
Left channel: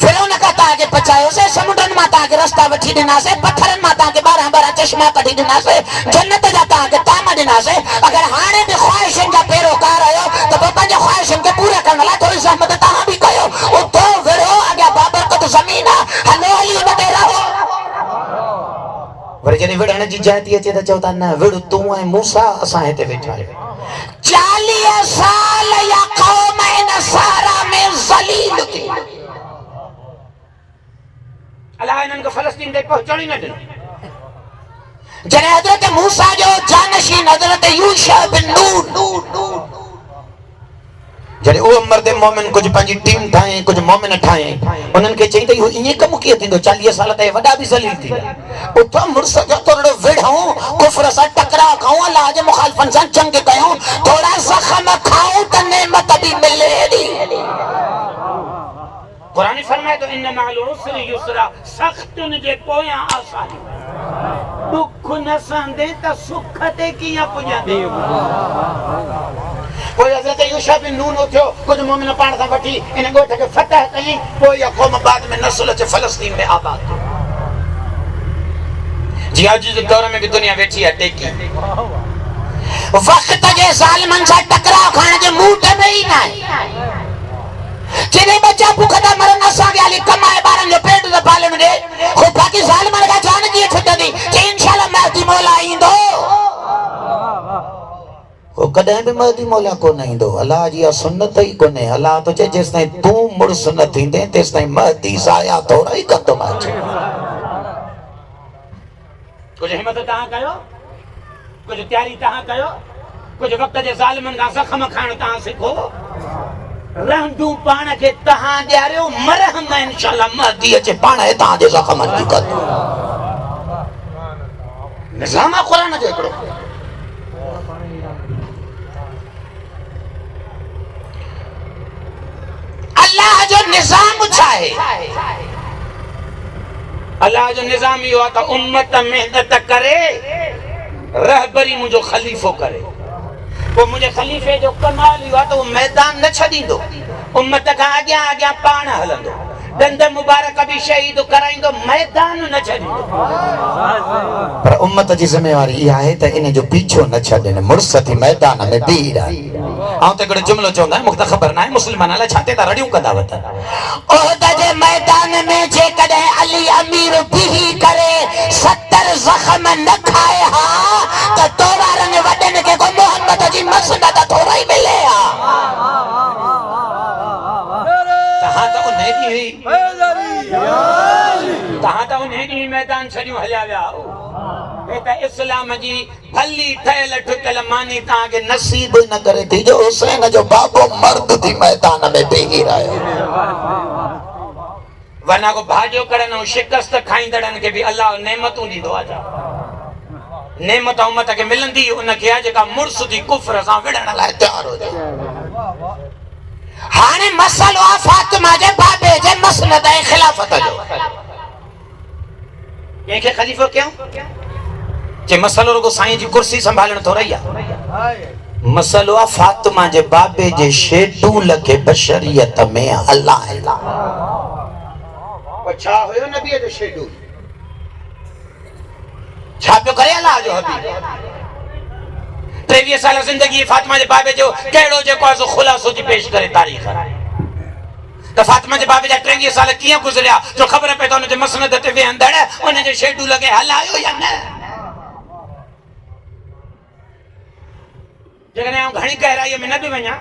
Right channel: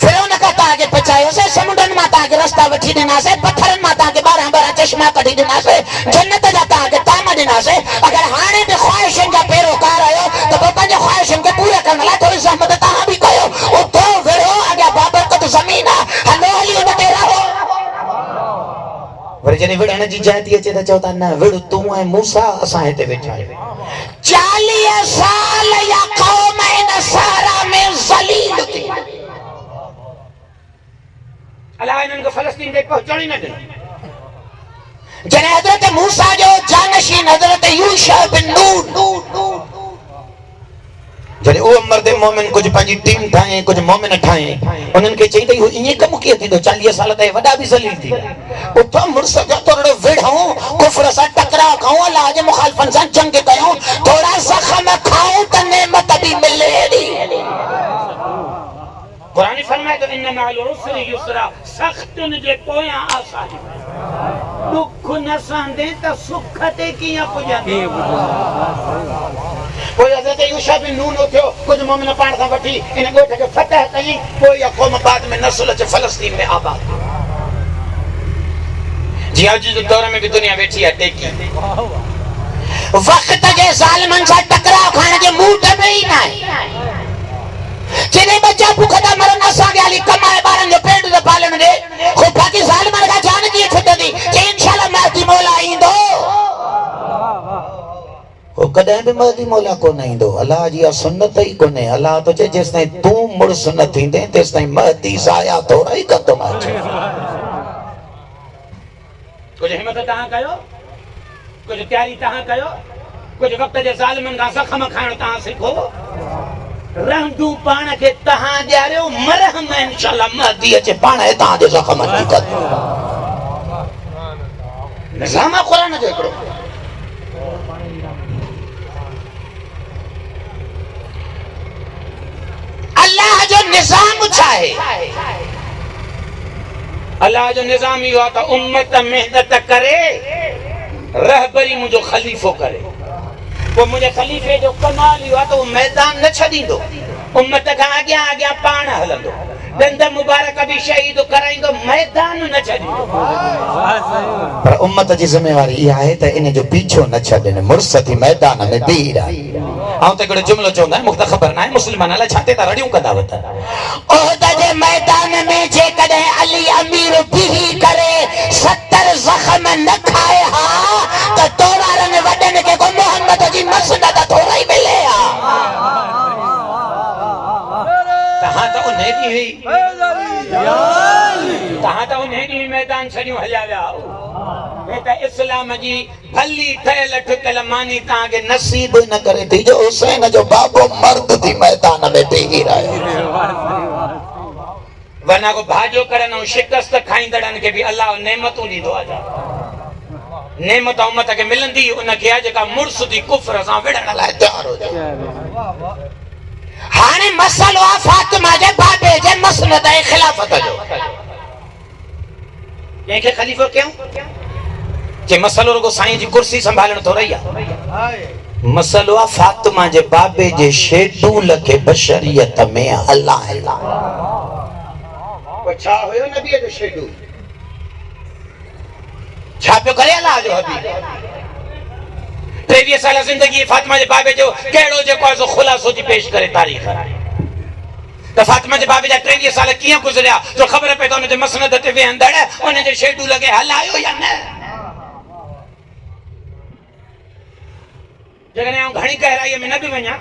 फिरौन का ताके पचायोसे समुंडन मां ताके रास्ता वठी ॾिनासे पत्थरनि मां ताके 12 चश्मा कढी ॾिनासे जन्नत जा ताके ताम ॾिनासे अगर हाणे बि ख्वाहिशनि जा पैरोकार आहियो त पोइ पंहिंजे ख्वाहिशनि खे पूरा करण लाइ थोरी ज़हमत तव्हां बि कयो उथो विढ़ो अॻियां बाबरकत ज़मीन आहे हलो हली उन ते रहो वरी जॾहिं विढ़ण जी जाइ थी अचे त चओ था न विढ़ तूं ऐं मूसा असां हिते वेठा आहियूं 40 साल या क़ौम इन सारा में ज़लील थी अल्लाह इन्हनि खे फ़लस्तीन ते पहुचण ई न ॾिनो जॾहिं हज़रत मूसा जो जानशीन हज़रत यूशा बिन नून जॾहिं उहो मर्द मोमिन कुझु पंहिंजी टीम ठाहे कुझु मोमिन ठाहे उन्हनि खे चई त ईअं कमु कीअं थींदो 40 साल त वॾा बि ज़लील थी उथो मुड़ुस जो थोरो विढ़ूं कुफ्र सां टकराव खाऊं अलाह जे मुखालिफ़नि सां जंग कयूं थोरा ज़ख़्म खाऊं त नेमत बि मिले कुरान फरमाए तो इन मअल उसरि युसरा सख्तुनि जे पोयां आसानी दुख न सहंदे त सुख ते कीअं पुॼंदे कोई हज़रत यूशा बिन नून उठियो कुछ मोमिन पाण सां वठी इन ॻोठ खे फतह कई पोइ इहा क़ौम बाद में नस्ल अचे फ़लस्तीन में आबाद जी अॼु जे दौर में भी दुनिया वेठी आहे टेकी वक़्त जे ज़ालिमनि सां टकराव खाइण जे मूड में ई न आहे जॾहिं बच्चा भुख था मरनि असांखे हाली कमाए ॿारनि जो पेट थो पालण ॾे हो बाक़ी ज़ालिमनि खां जान कीअं छुटंदी चई इंशाअल्लाह महदी मौला ईंदो वो कदे भी महदी मौला को नहीं दो अल्लाह जी सुन्नत ही कोने अल्लाह तो चे जिस ताईं तू मुड़ सुन्नत थींदे तेस ताईं महदी साया थोड़ा ही कंदो माचे कुछ हिम्मत तहां कयो कुछ तैयारी तहां कयो कुछ वक्त जे ज़ालिमनि खां ज़ख़म खाइण तहां सिखो रहंदू पाण खे तहां ॾियारियो मरहम इंशाअल्लाह महदी अचे पाण तहां जे ज़ख़म जी कर निज़ाम क़ुरान जो हिकिड़ो अल्लाह जो निज़ाम छा आहे अल्लाह जो निज़ाम इहो आहे त उम्मत मेहनत करे रहबरी मुंहिंजो ख़लीफ़ो करे पोइ मुंहिंजे ख़लीफ़े जो कमाल इहो आहे त उहो मैदान न छॾींदो उम्मत खां अॻियां अॻियां पाण हलंदो दंद मुबारक भी शहीद कराईंदो मैदान न छॾींदो पर उम्मत जी ज़िम्मेवारी इहा आहे त इन जो पीछो न छॾनि मुड़स थी मैदान में बीह रहे ऐं त हिकिड़ो जुमिलो चवंदा आहिनि मूंखे त ख़बर न आहे मुस्लमान अलाए छा ते था रड़ियूं कंदा वठनि उहद जे मैदान में जेकॾहिं अली अमीर बीही करे 70 ज़ख़म न खाए हा त तोरारनि वॾनि खे को मोहम्मद जी मसनद थोरा ई मिले हा तहां त उन ॾींहुं तहां त उन ॾींहुं मैदान छॾियूं हलिया विया हे त इस्लाम जी भली ठहियल ठुकियल मानी तव्हांखे नसीब न करे थी जो हुसैन जो बाबो मर्द थी मैदान में बीही रहियो वरना को भाॼो करण ऐं शिकस्त खाईंदड़नि खे बि अलाह नेमतूं ॾींदो आहे नेमत उम्मत खे मिलंदी उनखे आहे जेका मुड़स जी कुफ्र सां विढ़ण लाइ तयार हुजे हाणे मसलो आहे फातिमा जे बाबे जे मसनद ऐं ख़िलाफ़त जो कंहिंखे ख़लीफ़ो कयूं के मसलो रुगो साईं जी कुर्सी संभालण थोड़ा ही आहे मसलो आहे फातिमा जे बाबे जे शेडूल खे बशरियत में हलाइणा छा हुयो नबीअ जो शेडूल छा पियो करे अलाह जो हबीब 23 साल ज़िंदगी फातिमा जे बाबे जो कहिड़ो जेको आहे सो ख़ुलासो जी पेश करे तारीख़ त फातिमा जे बाबे जा 23 साल कीअं गुज़रिया जो ख़बर पए त उनजे मसनद ते वेहंदड़ उनजे शेडूल खे हलायो या न जेकॾहिं आउं घणी गहराईअ में न बि वञा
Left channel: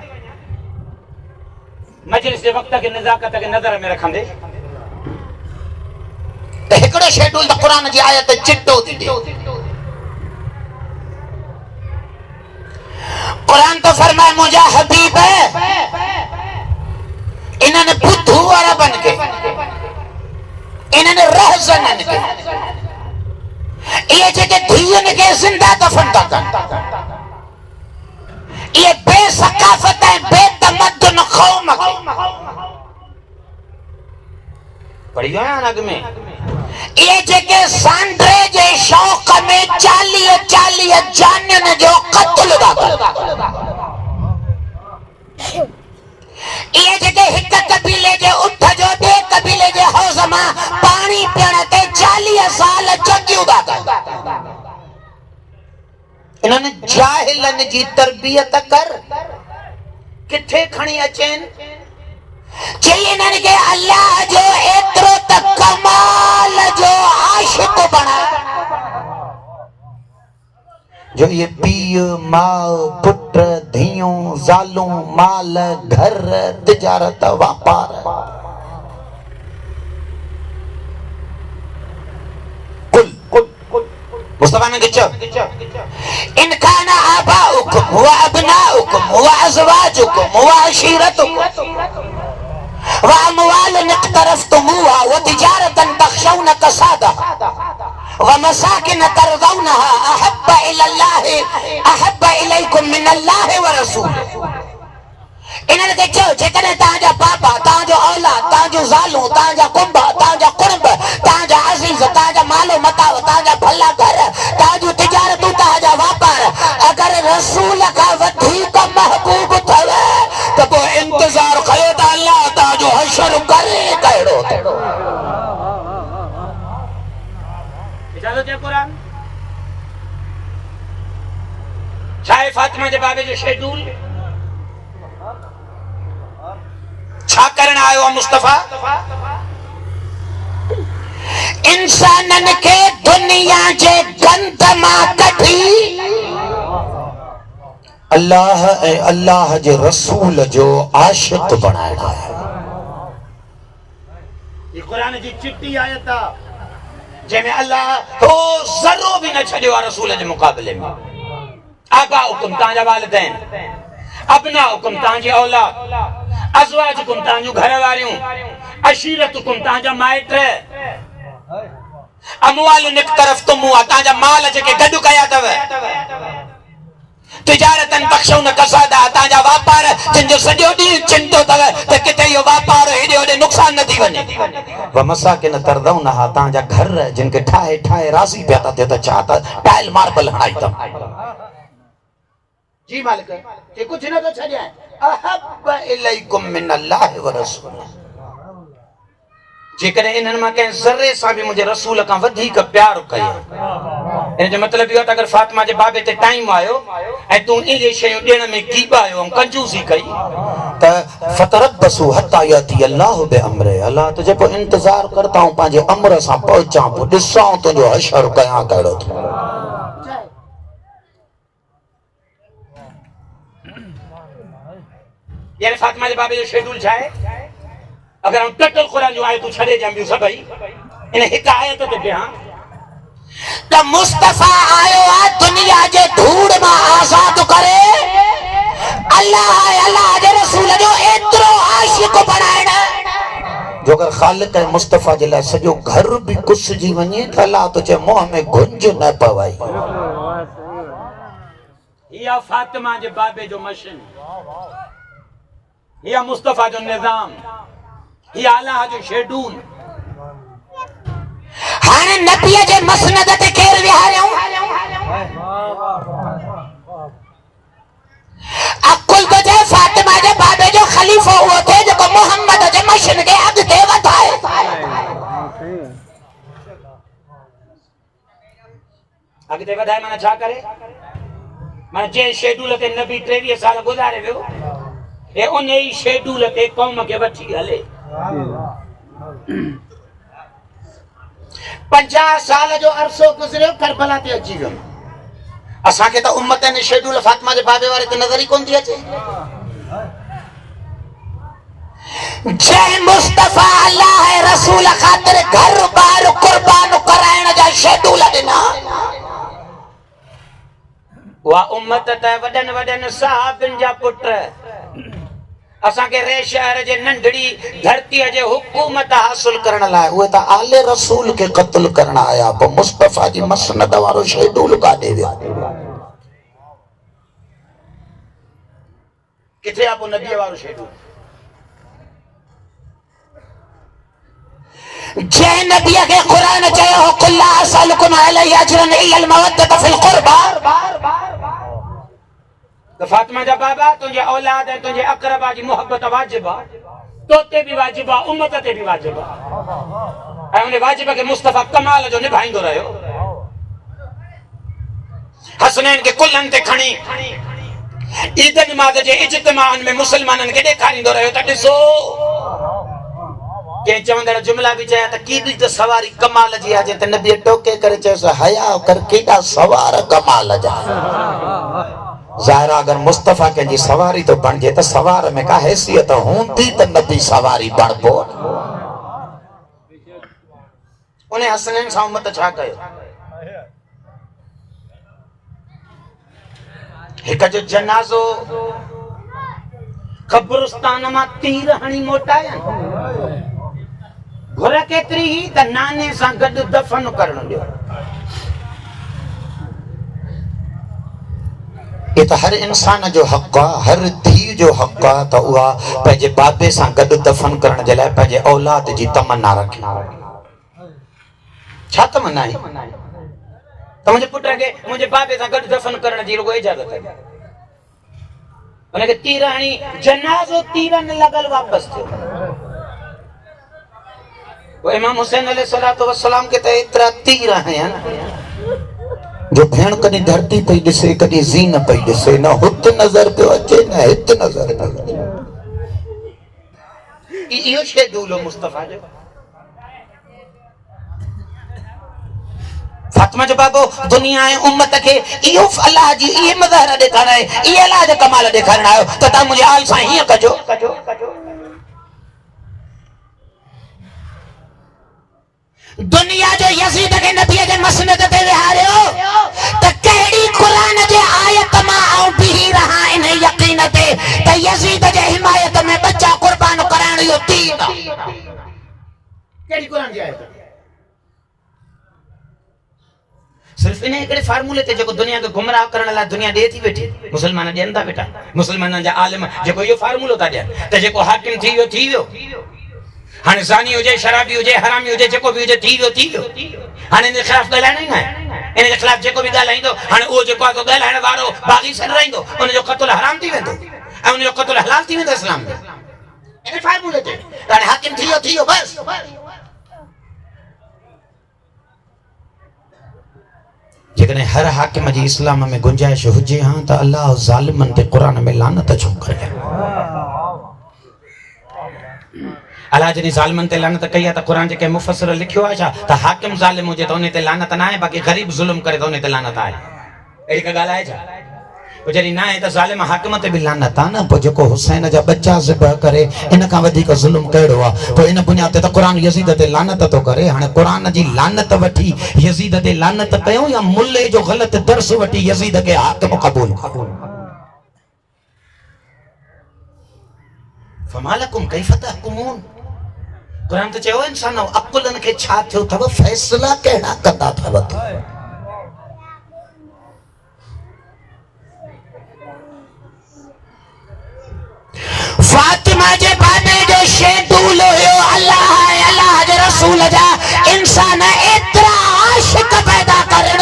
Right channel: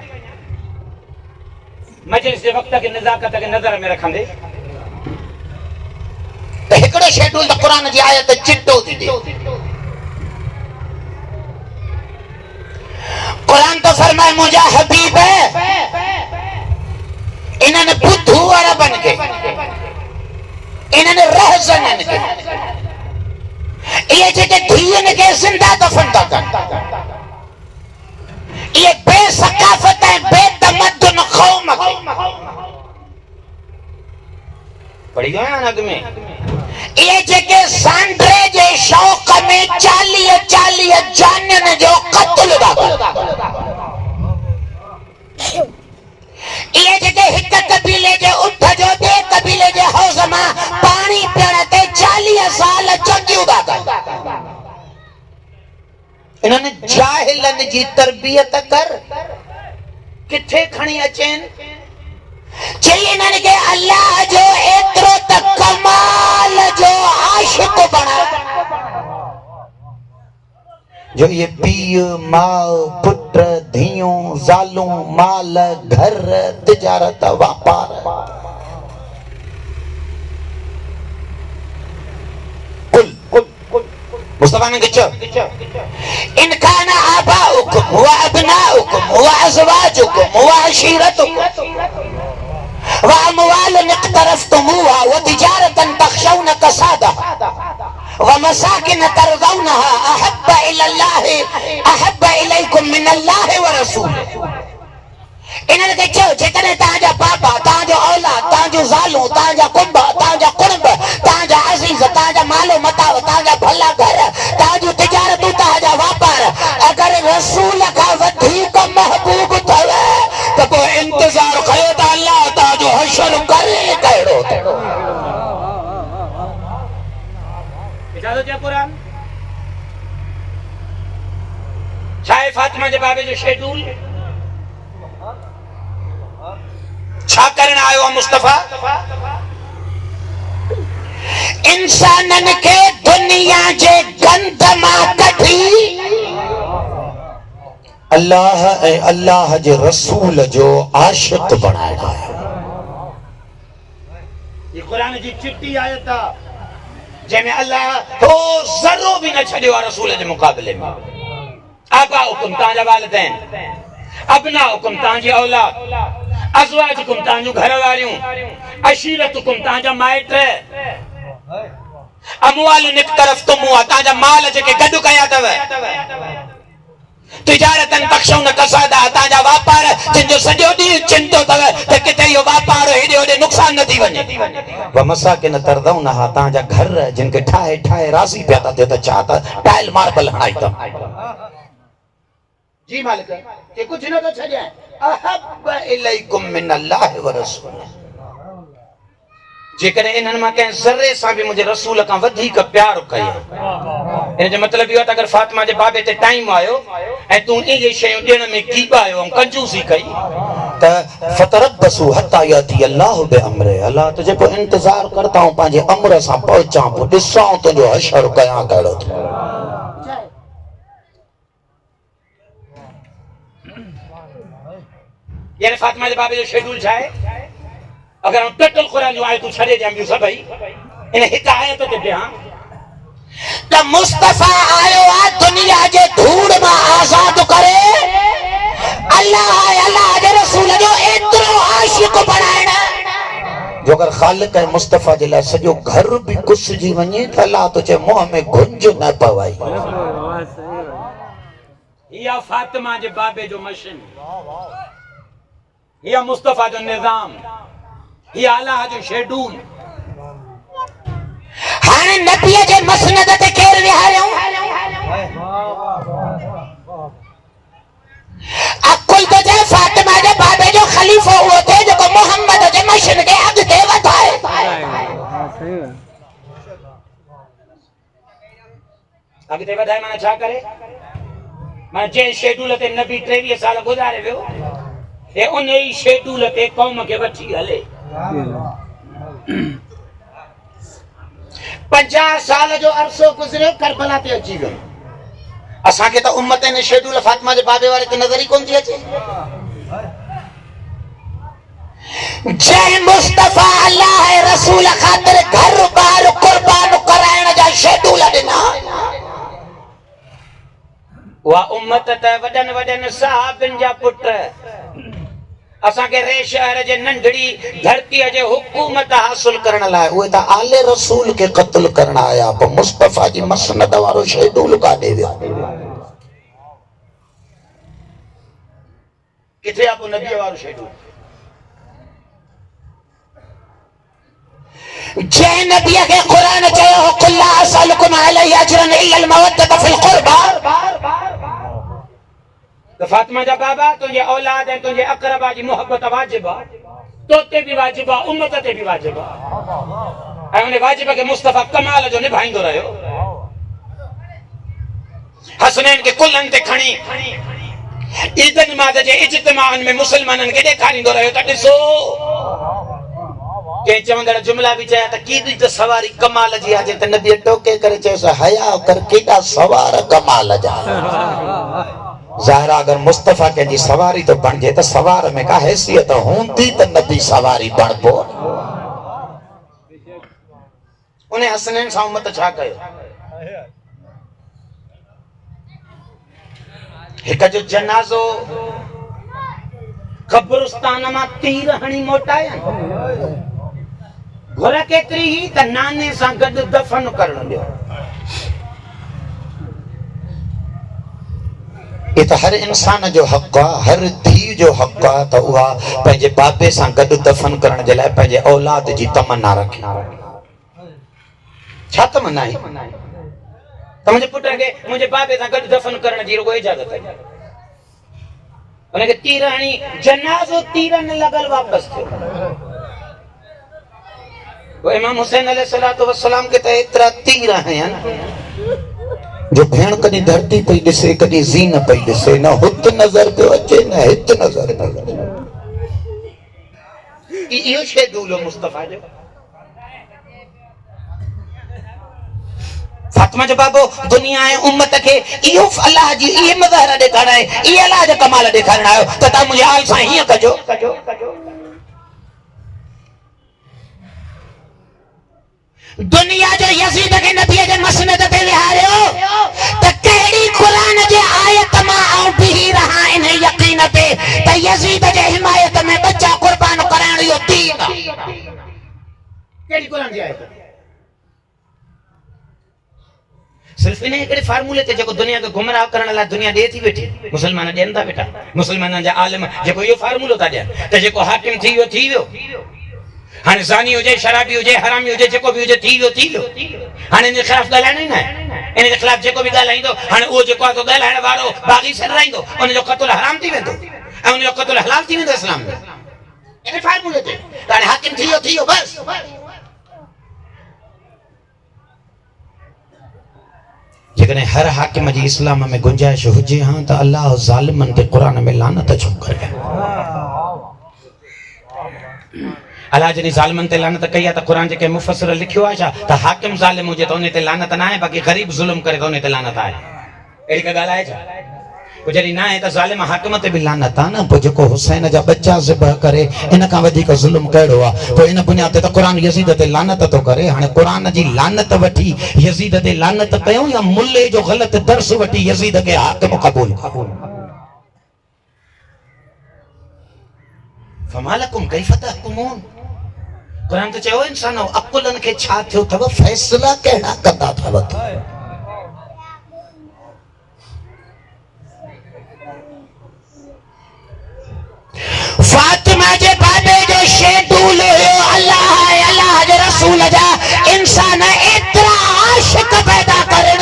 मजलिस जे वक़्त खे नज़ाकत खे नज़र में रखंदे त हिकिड़ो शेडूल त क़ुरान जी आयत चिटो थी ॾे क़ुरान तो फरमाए मुंहिंजा हबीब इन्हनि बुद्धू अरबनि खे इन्हनि रहज़ननि खे इहे जेके धीअनि खे ज़िंदा दफ़न था कनि ये बेसकाफत है बेतमद्दुन कौम के पढ़ी गया नग में ये जेके सांड्रे जे शौक में 40 जानियन जो कत्ल दा ये जेके हिक कबीले जे उठ जो बे कबीले जे हौज़ मां पानी पीअण ते 40 साल जंगियूं दा इन्हनि जाहिलनि जी तरबियत कर किथे खणी अचनि चई इन्हनि खे अल्लाह जो एतिरो त कमाल जो आशिक़ बणा जो ये पीउ माउ पुट धीअूं ज़ालूं माल घर तिजारत वापार मुस्तफा ने दिखो इन काना आबाउकुम व अबनाउकुम व अज़वाजुकुम व अशीरतुकुम व अमवालन इक़्तरफ़्तुमूहा व तिजारतन तख़शौन कसादहा व मसाकिन तरज़ौनहा अहब्ब इलैकुम मिनल्लाहि व रसूलिही इन्हनि खे चयो जेकॾहिं तव्हांजा बाबा तव्हांजो औलाद तव्हांजूं ज़ालूं तव्हांजा कुंभ तव्हांजा कुर्ब तव्हांजा अज़ीज़ तव्हांजा मालो मताव तव्हांजा भला घर तव्हांजूं तिजारतूं तव्हांजा वापार अगरि रसूल खां वधीक महबूब तो इजाजत है कुरान छाए फातिमा जे बाबे जो शेड्यूल छा करण आयो आहे मुस्तफा इंसानन के दुनिया जे गंद मां कढी अल्लाह ऐं अल्लाह जे रसूल जो आशिक बनाया है। ये कुरान जी चिट्ठी आयत आहे जंहिंमें अल्लाह हो ज़रो बि न छॾियो आहे रसूल जे मुक़ाबले में। आबाउकुम तव्हांजा वालिदैन, अबनाउकुम तव्हांजी औलाद, अज़वाजुकुम तव्हांजूं घर वारियूं, अशीरतुकुम तव्हांजा माइट, अमवालुन इक़्तरफ़्तुमूहा तव्हांजा माल जेके गॾु कया अथव, तिजारतन तख़्शौन कसादा तव्हांजा वापार जिन जो सॼो ॾींहुं चिंतो अथव त किथे इहो वापार हेॾे होॾे नुक़सान न थी वञे। व मसाकिन तरदौनहा तव्हांजा घर जिन खे ठाहे ठाहे राज़ी पिया था थियो त छा त टाइल मार्बल हणाई अथनि। जी मालिक के कुछ न तो छड़िया अहब इलैकुम मिन अल्लाह व रसूल जेकॾहिं इन्हनि मां कंहिं ज़र्रे सां बि मुंहिंजे रसूल खां वधीक प्यार कयो इन जो मतिलबु इहो आहे त अगरि फातिमा जे बाबे ते टाइम आयो ऐं तूं इहे शयूं ॾियण में कीबायो ऐं कंजूसी कई त फतरबसू हत्ता याती अल्लाह बिअम्रे अल्लाह तुझे पोइ इंतज़ार करता हूं पंहिंजे अमर सां पहुचां पोइ ॾिसां तुंहिंजो हशर कयां कहिड़ो थियो। यार फातिमा जे बाबे जो शेड्यूल छा आहे अगर हम टटल कुरान जो आयतूं छॾे ॾियां ॿियूं सभई इन हिक आयत ते ॾियां त मुस्तफा आयो आहे दुनिया जे धूड़ मां आज़ाद करे अल्लाह जे रसूल जो एतिरो आशिक बणाइण जो अगर ख़ालिक ऐं मुस्तफा जे लाइ सॼो घर बि कुसिजी वञे त अल्लाह तुंहिंजे मुंहं में गुंज न पवई। इहा फातिमा जे बाबे जो मशीन, इहा मुस्तफा जो निज़ाम, इहा अल्लाह जो शेड्यूल। हाणे नबीअ जे मसनद ते केर विहारियऊं अकुल बजे फातिमा जे बाबे जो ख़लीफ़ो उहो थे जेको मोहम्मद जे मशीन खे अॻिते वधाए। अॻिते वधाए माना छा करे माना जंहिं शेड्यूल ते नबी 23 साल गुज़ारे वियो हे उन ई शेड्यूल ते क़ौम खे वठी हले। 50 साल जो अरसो गुज़रियो करबला ते अची वियो असांखे त उम्मत ने शेड्यूल फातिमा जे बाबे वारे ते नज़र ई कोन थी अचे। जय मुस्तफा अल्लाह रसूल ख़ातिर घर बार कुर्बान कराइण जा शेड्यूल ॾिना उहा उम्मत त वॾनि वॾनि साहबनि जा पुट असांखे रे शहर जे नंढड़ी धरतीअ जे हुकूमत हासिल करण लाइ उहे त आले रसूल खे क़त्ल करण आया पोइ मुस्तफा जी मसनद वारो शेड्यूल काॾे विया। किथे आहे पोइ नबीअ वारो शेड्यूल? जंहिं नबीअ खे क़ुरान चयो हो कुल ला असअलुकुम अलैहि अजरन इल्ला अल मवद्दत फिल क़ुरबा तो फातिमा जा बाबा तुंहिंजे औलाद ऐं तुंहिंजे अक़रबा जी मोहब्बत वाजिब आहे, तो ते बि वाजिब आहे, उम्मत ते बि वाजिब आहे ऐं उन वाजिब खे मुस्तफा कमाल जो निभाईंदो रहियो। हसनैन खे कुल्हनि ते खणी ईद नमाज़ जे इज्तिमाअन में मुसलमाननि खे ॾेखारींदो रहियो त ॾिसो। कंहिं चवंदड़ जुमला बि चया त केॾी त सवारी कमाल जी आहे त नबी टोके करे चयोसि हया कर केॾा सवार कमाल जा। ज़ाहिर अगर मुस्तफा कंहिंजी सवारी तो बणिजे त सवार में का हैसियत हूंदी त नबी सवारी बणबो। उन हसनैन सां उम्मत छा कयो? हिक जो जनाज़ो क़ब्रिस्तान मां तीर हणी मोटाया घुर केतिरी ही त नाने सां गॾु दफ़न करण ॾियो। ये तो हर इंसान जो हक़ आहे, हर धी जो हक़ आहे त उहा पंहिंजे बाबे सां गॾु दफ़न करण जे लाइ पंहिंजे औलाद जी तमन्ना रखे। छा तमन्ना आहे? त मुंहिंजे पुट खे मुंहिंजे बाबे सां गॾु दफ़न करण जी रुॻो इजाज़त आहे। उनखे तीर हणी जनाज़ो तीरनि लॻल वापसि थियो। वो इमाम हुसैन अलैहिस्सलातु वस्सलाम के ते एतिरा तीर आया ना जो भेण कॾहिं धरती पई ॾिसे कॾहिं ज़ी न पई ॾिसे, न हुत नज़र पियो अचे न हित नज़र पियो अचे। इहो शेदूल हो मुस्तफा जो। फातिमा जो बाबो दुनिया ऐं उम्मत खे इहो अल्लाह जी इहे मज़हर ॾेखारणा आहे, इहे अल्लाह जा कमाल ॾेखारणा आहियो त तव्हां मुंहिंजे हाल सां हीअं कजो। दुनिया जे यज़ीद खे नबीअ जे मसनद ते विहारियो त कहिड़ी क़ुरान जे आयत मां आऊं बीही रहा इन यकीन ते त यज़ीद जे हिमायत में बच्चा क़ुर्बान कराइण इहो दीन आहे। कहिड़ी क़ुरान जी आयत? सिर्फ इन हिकिड़े फार्मूले ते जेको दुनिया खे गुमराह करण लाइ दुनिया ॾे थी वेठी, मुस्लमान ॾियनि था बेटा, मुस्लमाननि जा आलिम जेको इहो फार्मूलो था ॾियनि त जेको हाकिम थी वियो थी वियो। हाणे ज़ानी हुजे, शराबी हुजे, हरामी हुजे, जेको बि हुजे थी वियो थी वियो। हाणे इन जे ख़िलाफ़ ॻाल्हाइणो ई न आहे। इन जे ख़िलाफ़ जेको बि ॻाल्हाईंदो हाणे उहो जेको आहे ॻाल्हाइण वारो बाग़ी सिर रहंदो, उनजो क़त्ल हराम थी वेंदो ऐं उनजो क़त्ल हलाल थी वेंदो इस्लाम में। इन फार्मूले ते हाणे हाकिम थी वियो बस। जेकॾहिं हर हाकिम जी इस्लाम में गुंजाइश हुजे हा त अल्लाह ज़ालिमनि ते क़ुरान में लानत छो करे? अल्लाह जॾहिं ज़ालिमनि ते लानत कई आहे त क़ुरान जेके मुफ़स्सिर लिखियो आहे छा त हाकिम ज़ालिम हुजे त उन ते लानत न आहे, बाक़ी ग़रीब ज़ुल्म करे त उन ते लानत आहे। अहिड़ी का ॻाल्हि आहे छा? पोइ जॾहिं न आहे त ज़ालिम हाकिम ते बि लानत आहे न। पोइ जेको हुसैन जा बच्चा ज़िबह करे इन खां वधीक ज़ुल्म कहिड़ो आहे? पोइ इन बुनियाद ते त क़ुरान यज़ीद ते लानत थो करे। हाणे क़ुरान जी लानत वठी यज़ीद ते लानत कयूं या मुल्ले जो ग़लत दर्स वठी यज़ीद खे हाकिम क़बूल कयूं? फमालकुम कैफ़ तहकुमून। क़ुरान त चयो इंसानो अक़ुलनि खे छा थियो अथव, फ़ैसिला कहिड़ा कंदा अथव? फातिमा जे बाबे जो शेदूल हुयो अल्लाह जे रसूल जा इंसान एतिरा आशिक़ पैदा करण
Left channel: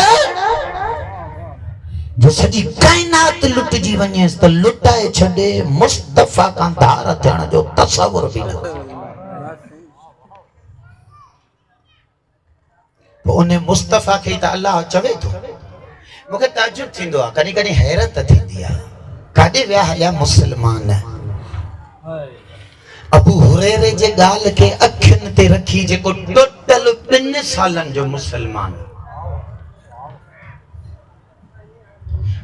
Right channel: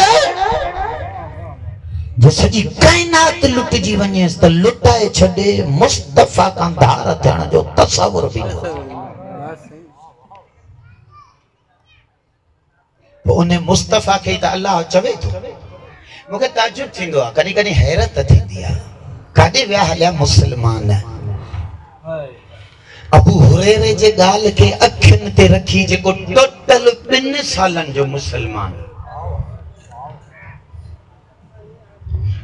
जो सॼी काइनात लुटिजी वञेसि त लुटाए छॾे, मुस्तफ़ा खां धार थियण जो तसवुर बि न हो। उन मुस्तफ़ा खे त अल्लाह चवे थो। मूंखे ताजुब थींदो आहे, कॾहिं कॾहिं हैरत थींदी आहे, काॾे विया हलिया मुस्लमान? अबू हुरैरे जे ॻाल्हि खे अखियुनि ते रखी जेको टोटल 2 सालनि जो मुस्लमान,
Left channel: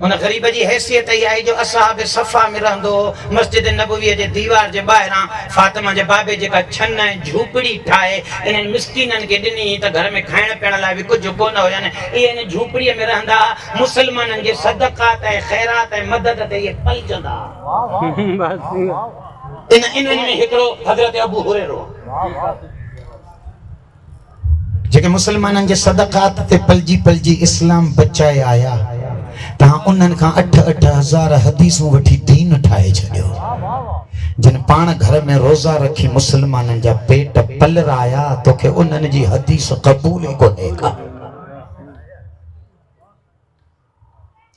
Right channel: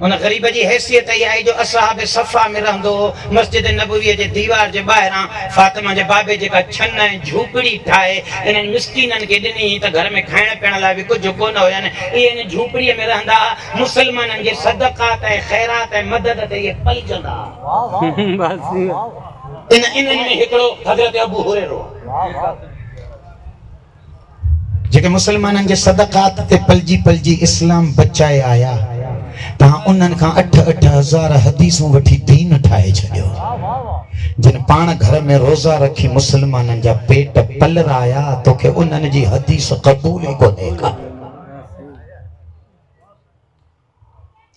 उन ग़रीब जी हैसियत इहा आहे जो असहाब सफ़ा में रहंदो हो। मस्जिद नबवीअ जे दीवार जे ॿाहिरां फातिमा जे बाबे जेका छन ऐं झूपड़ी ठाहे इन्हनि मिस्कीननि खे ॾिनी त घर में खाइण पीअण लाइ बि कुझु कोन हुयनि। इहे इन झूपड़ीअ में रहंदा, मुस्लमाननि जे सदक़ात ऐं ख़ैरात ऐं मदद ते इहे पलजंदा। इन्हनि में हिकिड़ो हज़रत अबू हुरैरो, जेके मुस्लमाननि जे सदक़ात ते पलजी पलजी इस्लाम बचाए आया। तव्हां उन्हनि खां 8-8 हज़ार हदीसूं वठी दीन ठाहे छॾियो। जिन पाण घर में रोज़ा रखी मुस्लमाननि जा पेट पलराया, तोखे उन्हनि जी हदीस क़बूल ई कोन्हे का।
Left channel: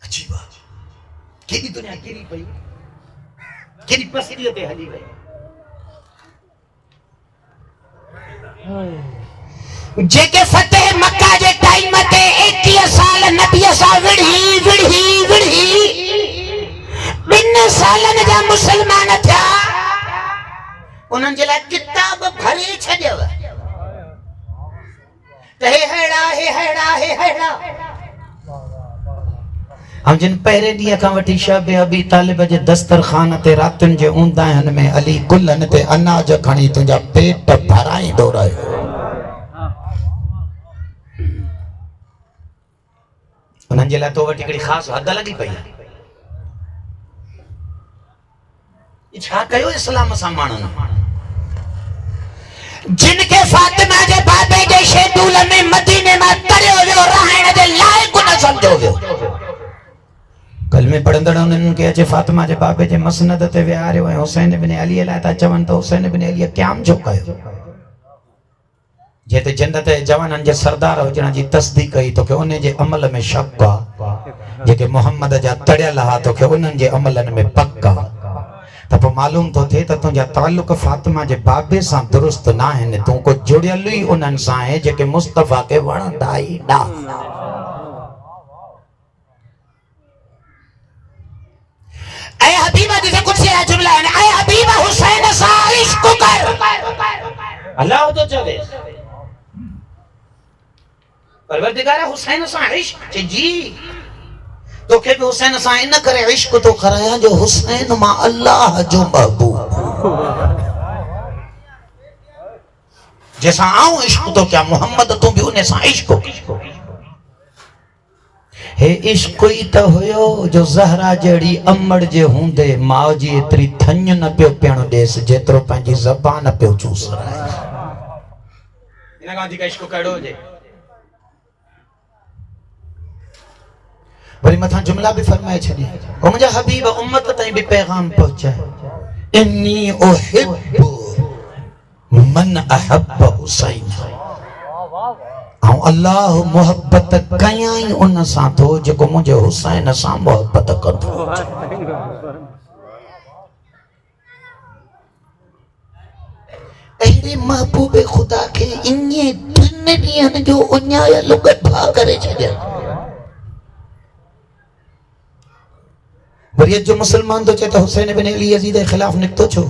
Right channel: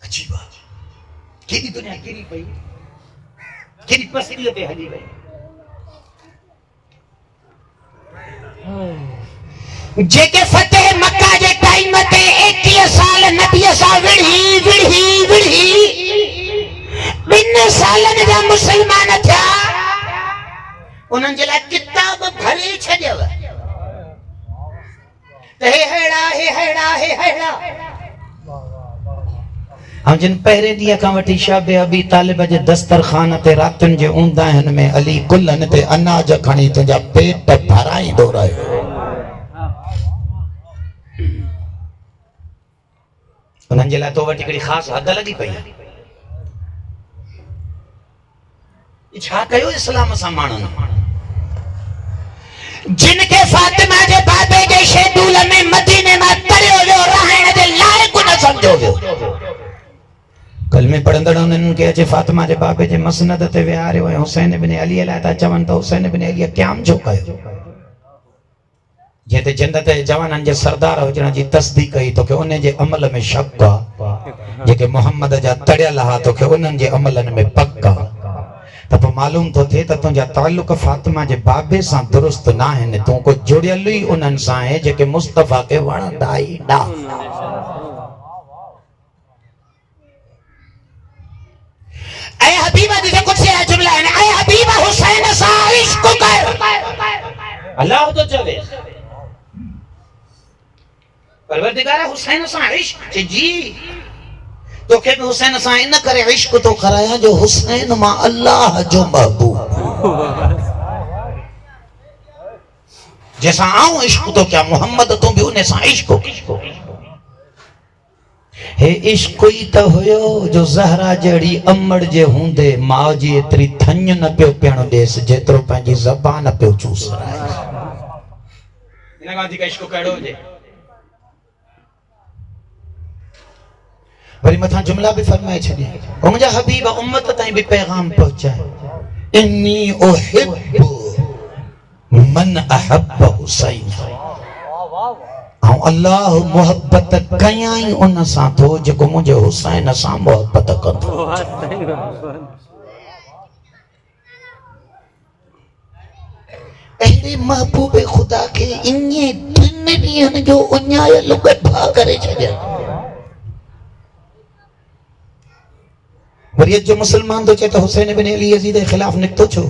अजीब आहे, केॾी दुनिया किरी पई, केॾी पसलीअ ते हली वई। जेके फतेह मक्का जे टाइम ते 21 साल नबीअ सां विढ़ी 2 सालनि जा मुस्लमान थिया, उन्हनि जे लाइ किताब भरे छॾियव त हे हेड़ा। ऐं जिन पहिरें ॾींहं खां वठी शाबे अबी तालिब जे दस्तरखान ते रातियुनि जे ऊंदाहिनि में अली गुलनि ते अनाज खणी तुंहिंजा पेट भराईंदो रहियो। उन्हनि जे लाइ तो वटि हिकिड़ी ख़ासि हद लॻी पई आहे। छा कयो इस्लाम सां माण्हुनि? जिन खे फातिमा जे बाबे जे शेदूल में मदीने मां तरियो वियो, रहण जे लाइक़ न सम्झो वियो। कलमे पढ़ंदड़ उन्हनि खे अचे फातिमा जे बाबे जे मसनद ते विहारियो ऐं हुसैन बिन अली लाइ था चवनि त हुसैन बिन अली क़याम छो कयो? जेते जन्नत जे जवाननि जे सरदार हुजण जी तस्दीक कई, तोखे उन जे अमल में शक आहे। जेके मोहम्मद जा तड़ियल हा, तोखे उन्हनि जे अमलनि में पक आहे। त पोइ मालूम तो थे त तुंहिंजा ताल्लुक फातिमा जे बाबे सां दुरुस्त न आहिनि, तूं को जुड़ियल ई उन्हनि सां आहे जेके मुस्तफ़ा खे वणंदा ई न। ऐ हबीबा जिसे कुछ से जुमला है, ऐ हबीबा हुसैन सा इश्क कर। अल्लाह तो चवे परवरदिगार हुसैन सा इश्क जी तो के भी हुसैन सा इन करे इश्क तो कराया जो हुसैन मां अल्लाह जो महबूब जैसा आऊं इश्क तो क्या मोहम्मद तू भी उन्हें सा इश्क हे इश्क ही तो होयो जो ज़हरा जड़ी अमड़ जे हुंदे मां जी एतरी थन न पियो पियण देस जेतरो पंहिंजी ज़बान पियो चूस इन गांधी का इश्क कड़ो जे वरी मथा जुमला भी फरमाए छॾी ओ मुंहिंजा हबीब उम्मत ताईं भी पैगाम पहुचाए इन्नी उहिब्बु मन अहब्ब हुसैन ऐं अल्लाह मोहब्बत कयाई उन सां थो जेको मुंहिंजे हुसैन सां मोहब्बत कंदो। अहिड़े महबूब ख़ुदा खे इन्हे 3 ॾींहनि जो उञायल गड्ढा करे छॾिया। वरी जो मुसलमान तो चए तो हुसैन बिन अली यजीद के खिलाफ निकतो छो?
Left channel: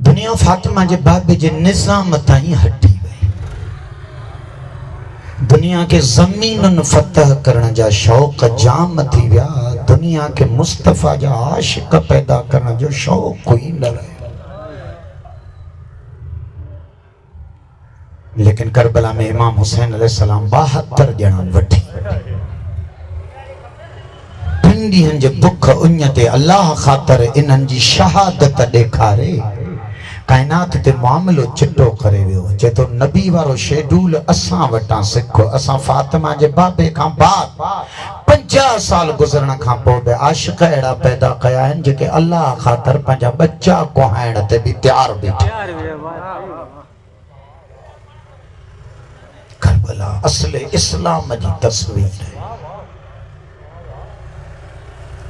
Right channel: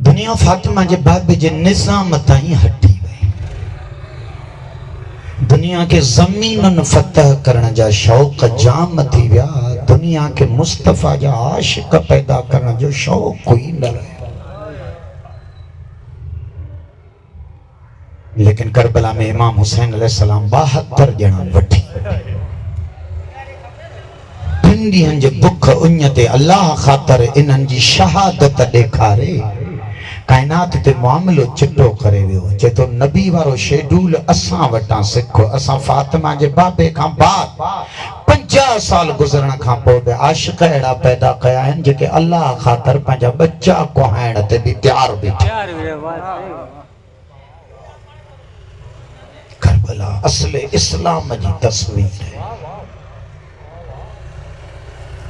दुनिया फातिमा जे बाबे जे निजाम ताईं हटी वई। दुनिया के ज़मीनन फतह करण जा शौक़ जाम थी विया, दुनिया के मुस्तफ़ा जा आशिक पैदा करण जो शौक़ कोई न रहियो। लेकिन करबला में इमाम हुसैन अलैहिस्सलाम 72 ॼणा वठी 3 ॾींहनि जे बुख उञ ते अल्लाह ख़ातिर इन्हनि जी शहादत ॾेखारे काइनात ते मामलो चिटो करे वियो। जे तो नबी वारो शेड्यूल असां वटां सिखो। असां फातिमा जे बाबे खां बाद 50 साल गुज़रण खां पोइ बि आशिक अहिड़ा पैदा कया आहिनि जेके अल्लाह ख़ातिर पंहिंजा बच्चा कोहाइण ते बि तयार बीठा। करबला असले इस्लाम जी तस्वीर है।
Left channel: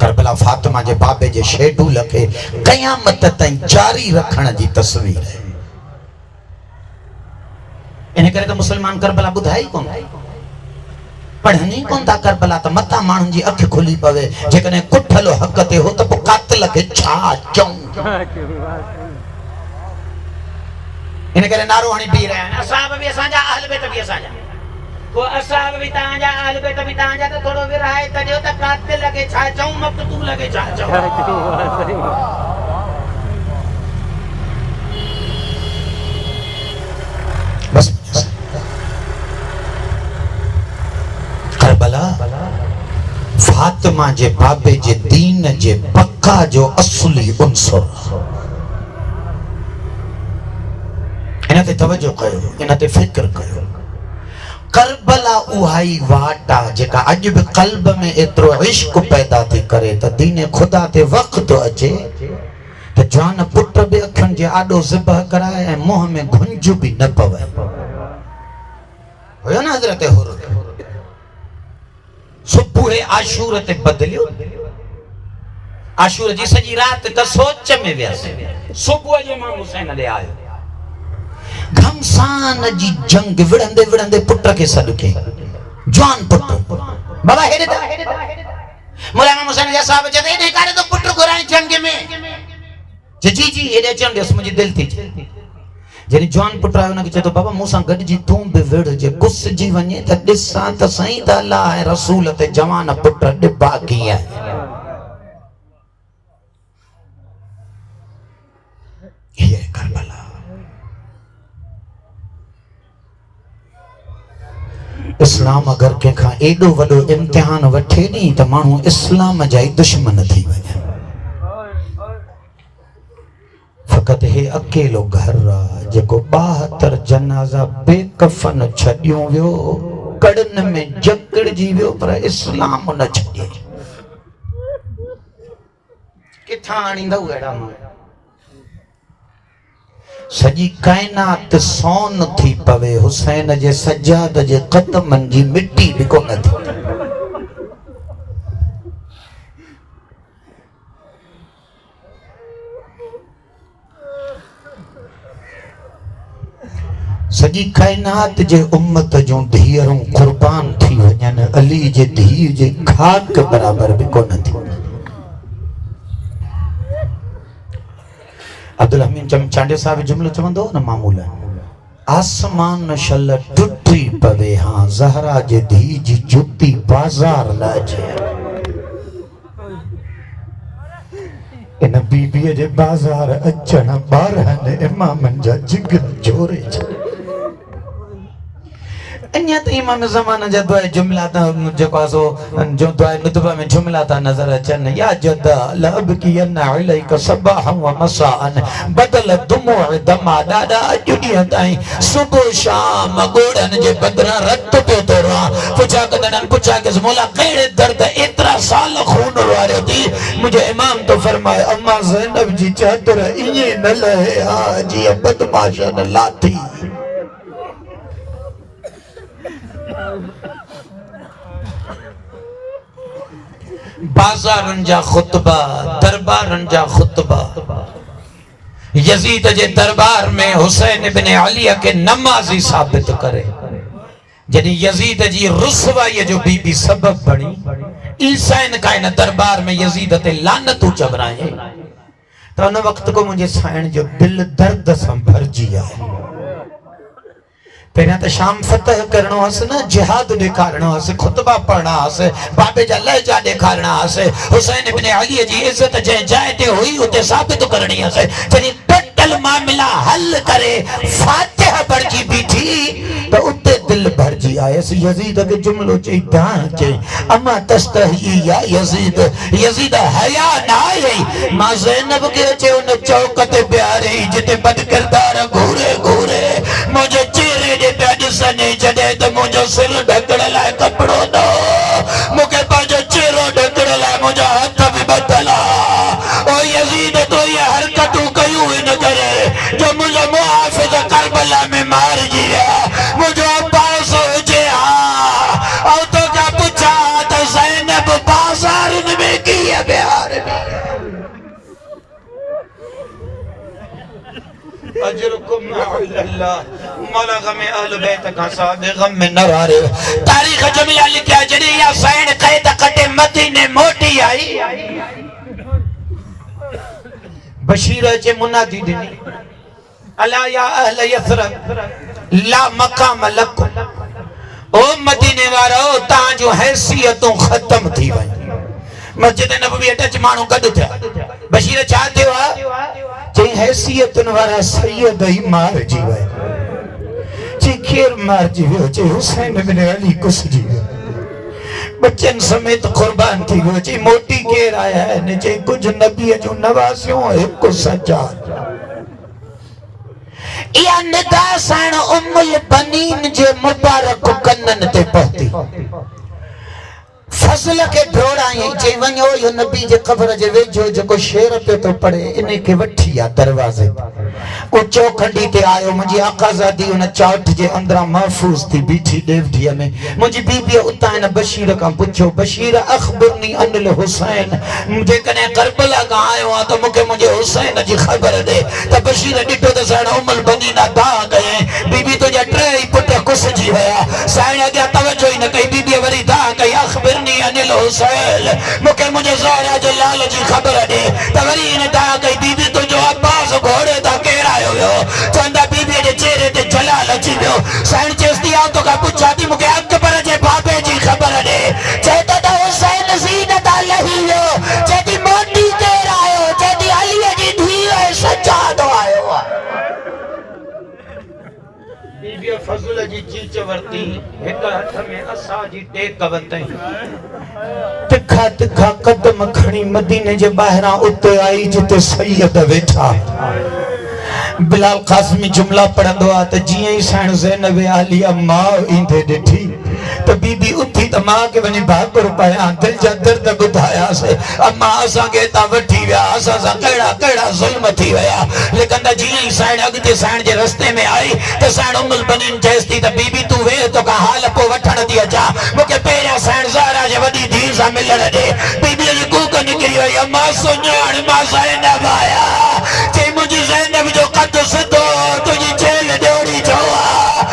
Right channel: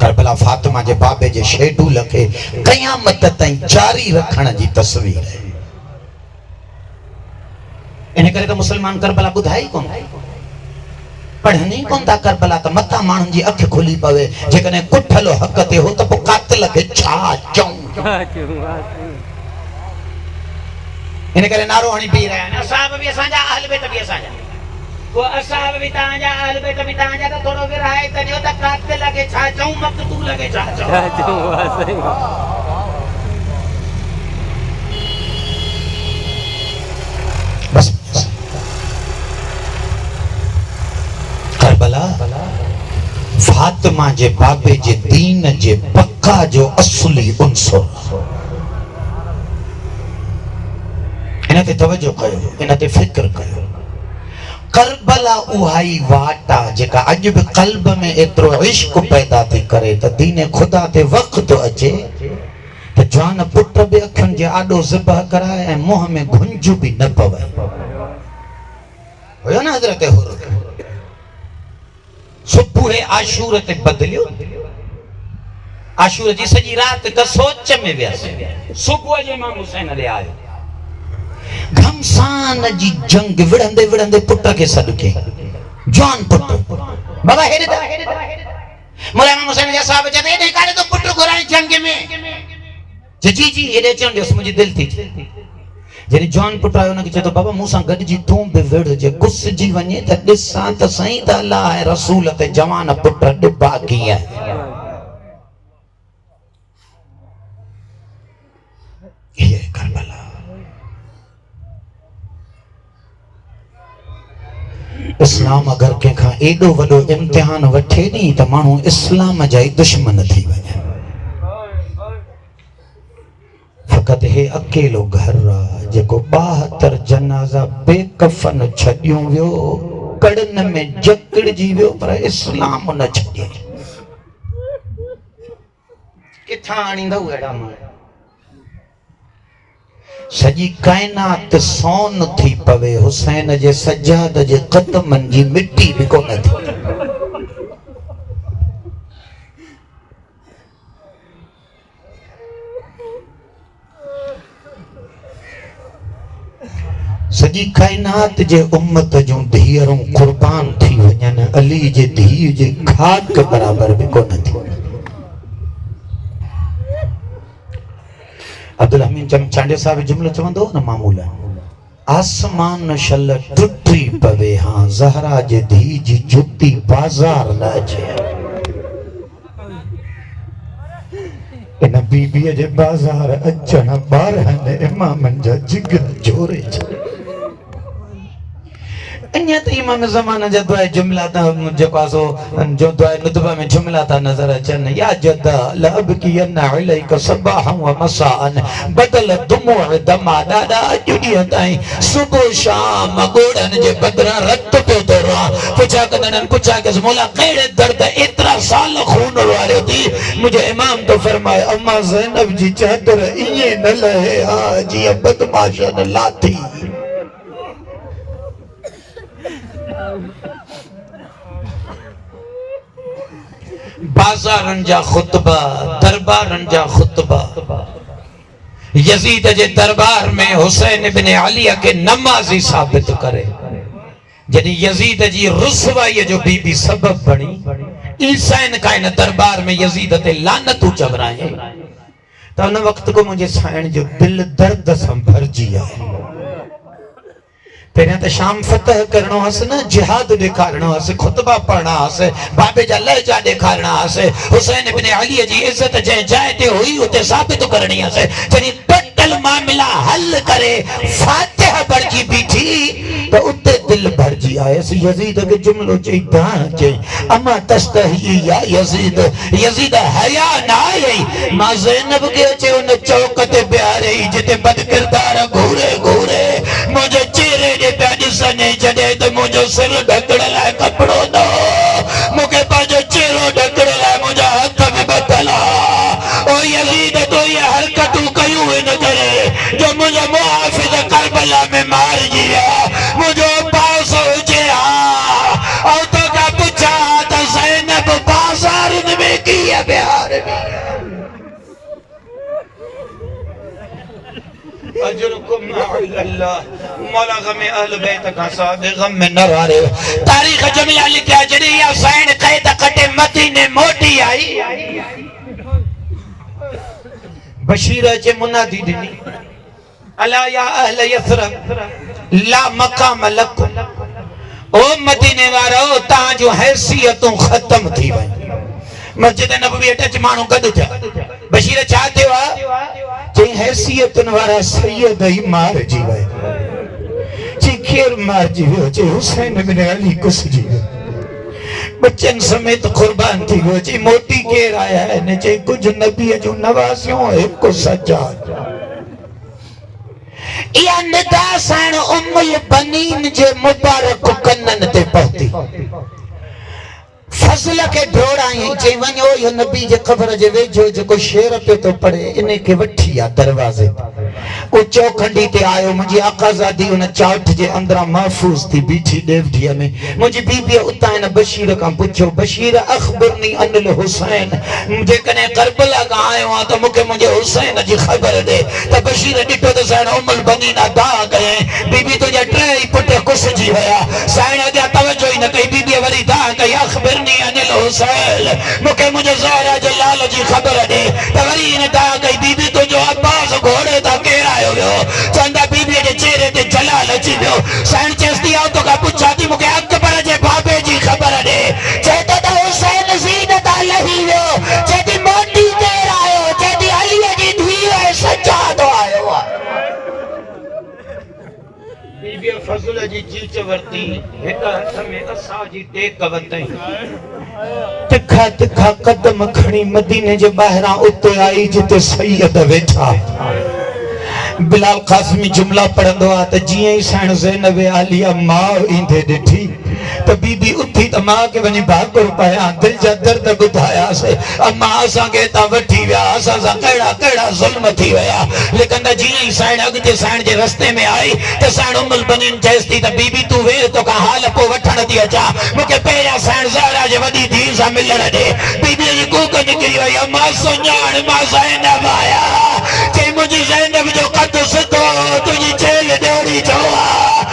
करबला फातिमा जे बाबे जे शेड्यूल के क़यामत ताईं जारी रखण जी तस्वीर है। इन करे तो मुसलमान करबला बुधाई कोन पढ़नी कोन था। करबला तो मता माण्हुनि जी अख खुली पवे। जेकॾहिं कुठल हक़ ते हो त पोइ कातिल खे छा चऊं। इन करे नारो हणी पी रहा है असाब भी असांजा अहल बैत भी असांजा वो असाब भी तांजा अहल बैत भी तांजा त थोड़ो विराए त जो त कातिल खे छा चऊं मक़तूल खे छा चऊं। बस करबला फातिमा जे बाबे जे दीन जे पक्का जो असली उनसर। इन ते तवज्जो कयो, इन ते फिक्र कयो। करबला उहाई वाटा जेका अॼु बि क़ल्ब में एतिरो इश्क पैदा थी करे त दीन खुदा ते वक़्त अचे त जान पुट बि अखियुनि जे आॾो ज़िबह कराए ऐं मुंहं में घुंज बि न पवे। हुयो न हज़रत हुर सुबुह आशूर ते बदिलियो। आशूर जी सॼी राति त सोच में वियसि। सुबुह जो इमाम हुसैन ॾे आयो। घमसान जी जंग विड़ंदे विड़ंदे पुट के सदके जान पुट बाबा हेडे दा मोला इमाम हुसैन जा साहब चते हेडे कारे तो पुट घुराए जंग में जी जी हेडे चंदे मुझे दिल थी जरी जान पुट आयो न के चतो बाबा मूसा गड जी तू बि विड़ जे गुस जी वने त दिसा त सही त अल्लाह है रसूल ते जवान पुट डिबा की है। ये करबला इस्लाम अगर कंहिंखां एॾो वॾो इम्तिहान वठे नी त माण्हू इस्लाम जा ई दुश्मन थी वञे। फ़क़त हे अकेलो घर आहे जेको 72 जनाज़ा बेकफन छॾियो वियो, कड़न में जकड़जी वियो, पर इस्लाम न छॾियो। किथां आणींदव अहिड़ा माण्हू? सजी कायनात सोन थी पवे, हुसैन जे सजाद जे कदमन जी मिट्टी भी कोन थी। सॼी काइनात जे उम्मत जूं धीअरूं कुर्बान थी वञनि, अली जे धीअ जे खाक बराबर बि कोन थी। अब्दुल हमीद चमचांडे साहब जुमलो चवंदो न मामूल, आसमान शल टुटी पवे हाँ ज़हरा जे धी जी जुती बाज़ार न अचे। इन बीबीअ जे बाज़ार अचण ॿारहनि इमामनि जा जिगर जोरे अन्य तो इमाम ज़माना जा दुआ जुमला ता जेको आसो जो दुआ नुतबा में जुमला ता नजर अचन, या जदा लब की न अलैका सबाह व मसाअन बदल दुमू दमा दादा जुडिया ताई सुबह शाम गोड़न जे बदरा रत पे तोरा पुछा कदन पुछा के मौला केड़े दर्द इतना साल खून वारे दी। मुझे इमाम तो फरमाए अम्मा ज़ैनब जी चादर इए न लहे हा जी बदमाशन लाथी। बाज़ारन जा खुतबा, दरबारन जा खुतबा, यजीद जे दरबार में हुसैन इब्न अली के नमाजी साबित करे। जॾहिं यजीद जी रुसवाई जो बीबी सबब बणी, ईसाइन का इन दरबार में यजीद ते लानतू चवराए, त उन वक्त को मुझे साइण जो दिल दर्द सां भरजी आहे। पहिरियां त शाम फतह करणो हस न, जिहाद ॾेखारणो हस, खुतबा पढ़ना हस, बाबे जा लहजा ॾेखारणा हस, हुसैन इब्न अली जी इज्जत जंहिं जाइ ते हुई उते साबित करणी हस। जॾहिं टोटल मामला हल करे फातिहा पढ़जी बीठी त उते दिल भरजी आयसि। यजीद खे जुमलो चई दाण चई अमा तस्तही या यजीद, यजीद हया न आई मां ज़ैनब खे अचे उन चौक ते बिहारे जिते बदकिरदार घूरे घूरे मुंहिंजे चेहरे जे पिया ॾिसनि, जॾहिं त मुंहिंजो सिर ढकण लाइ कपिड़ो न हो, मूंखे पंहिंजो चेहरो ढकण लाइ मुंहिंजा हथ बि ॿधल हुआ। ओ यजीद तो ये हरकतूं कयूं हिन करे जो मुंहिंजो मुहाफ़िज़ करबला में मारिजी विया, मुंहिंजो पासो हुजे हा। ऐं तोखां पुछां त ज़ैनब बाज़ारनि में कीअं बिहार में अजरुकुम अल्लाह मौला गम अहल बैत का साहब गम में न रहे। तारीख जुमला लिखा जड़ी या साइन कैद कटे मदीने मोटी आई, बशीर जे मुनादी दिनी अला या अहल यथरब ला मकाम लकुम, ओ मदीने वारो तां जो हैसियतूं खत्म थी वई। मस्जिद नबवी अटच मानू गद थिया, बशीर छा थियो आ जे हैसियतन वारा सैयद ही मार जी वे, जे खेर मार जी वे, जे हुसैन इब्न अली कुस जी वे, बच्चन समेत कुर्बान थी वो, जे मोटी केर आया है ने जे कुछ नबी जो नवासियों एक सज्जाद। या निदा साण उम्मुल बनीन जे मुबारक कन्नन ते पहुती, फजल के ढोड़ाई जे वञो यो नबी जे ख़बर जे वेझो जेको शेर पे तो पढ़े इन के वठी आ दरवाजे ओ चौखंडी ते आयो। मुंहिंजी आकाज़ादी उन चाठ जे अंदरा महफूज थी बीठी ॾेवढीअ में। मुंहिंजी बीबीअ उतां हिन बशीर खां पुछियो, बशीर अख़बिरनी अनिल हुसैन, जेकॾहिं करबला खां आयो आहे त मूंखे मुंहिंजे हुसैन जी ख़बर ॾे। त बशीर ॾिठो त साण उम्मुल बनीन अदा कयईं, बीबी तुंहिंजा टे ई पुट कुसिजी विया। साईं अॻियां तवजो ई न कई, बीबीअ वरी दा कई अख़बिरनी अनिल हुसैन, मूंखे मुंहिंजे ज़हरा जे लाल जी ख़बर ॾे। त वरी हिन दा कई, बीबी तुंहिंजो अब्बास घोड़े तां केरु आयो हुयो? चवंदा बीबीअ जे चेहरे ते जलाल अची वियो। साईं चेस्ती आऊं तोखां पुछां थी, मूंखे अकबर जे बाबे जी ख़बर ॾे। चए त हुसैन ज़ीनत लही वियो। चए थी मोटी केरु आयो? चए थी अलीअ जी धीअ सज्जाद आयो आहे। बीबीअ फज़ल जी चीच वरती, हिक हथ में असा जी टेक वतई, तिखा तिखा कदम खणी मदीने जे ॿाहिरां उते आई जिते सैयद वेठा। बिलाल कासमी जुमला पढ़ंदो आहे त जीअं ई साण ज़ैनब आलिया मां ईंदे ॾिठी त बीबी उथी त मां खे वञी भाकुर पायां, दिलि जा दर्द ॿुधायासीं। अम्मा असांखे हितां वठी विया, असां सां कहिड़ा कहिड़ा ज़ुल्म थी विया। लेकिन जीअं ई साण अॻिते साण जे रस्ते में आई त साण उम्मुल बनीन चएसि थी त बीबी तूं वेह, तोखां हाल पोइ वठण थी अचां, मूंखे पहिरियां साण ज़हरा जे वॾी धीउ सां मिलण ॾे। बीबीअ जी कूक निकिरी वई, अम्मा सुञाण मां ज़ैनब आहियां। चई मुंहिंजी ज़ैनब जो कद सिधो, तुंहिंजी झेल ॾोड़ी चओ आहे,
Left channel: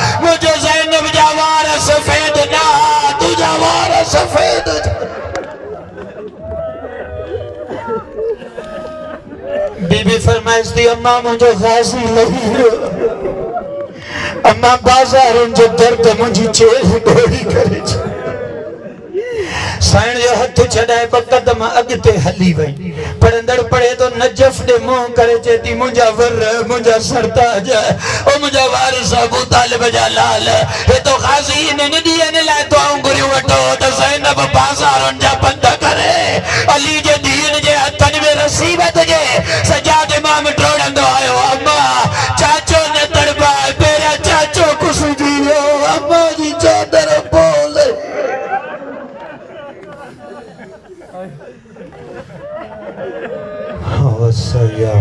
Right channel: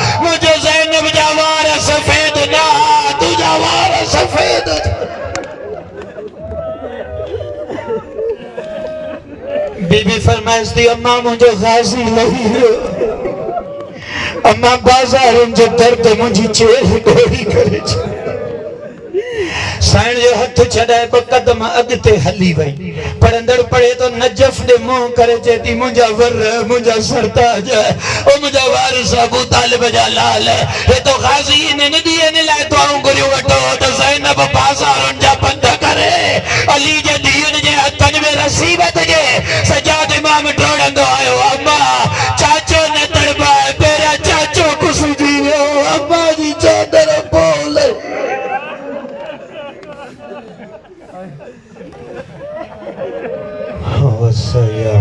बीबी फरमाइश दी अम्मा मुझे गाजी नहीं हो अम्मा बाजार जो दर्द मुझी चेल डोरी करे साइण जो हथ छड़ाए ब कदम अगते हली वई पढ़ंदड़ पढ़े तो नजफ दे मुंह करे चेती मुंजा वर मुंजा सरताज ओ मुंजा वारिस अबू तालिब जा लाल हे तो गाजी ने नदी ने ला तो अंगुरी वठो तो ज़ैनब बाजारन जा बंद करे अली जे दीन जे हथन में रसीबत जे सजाद इमाम टोड़ंदो आयो अम्मा चाचो ने तड़पा तेरे चाचो कुछ दियो अम्मा जी चादर बोले वसया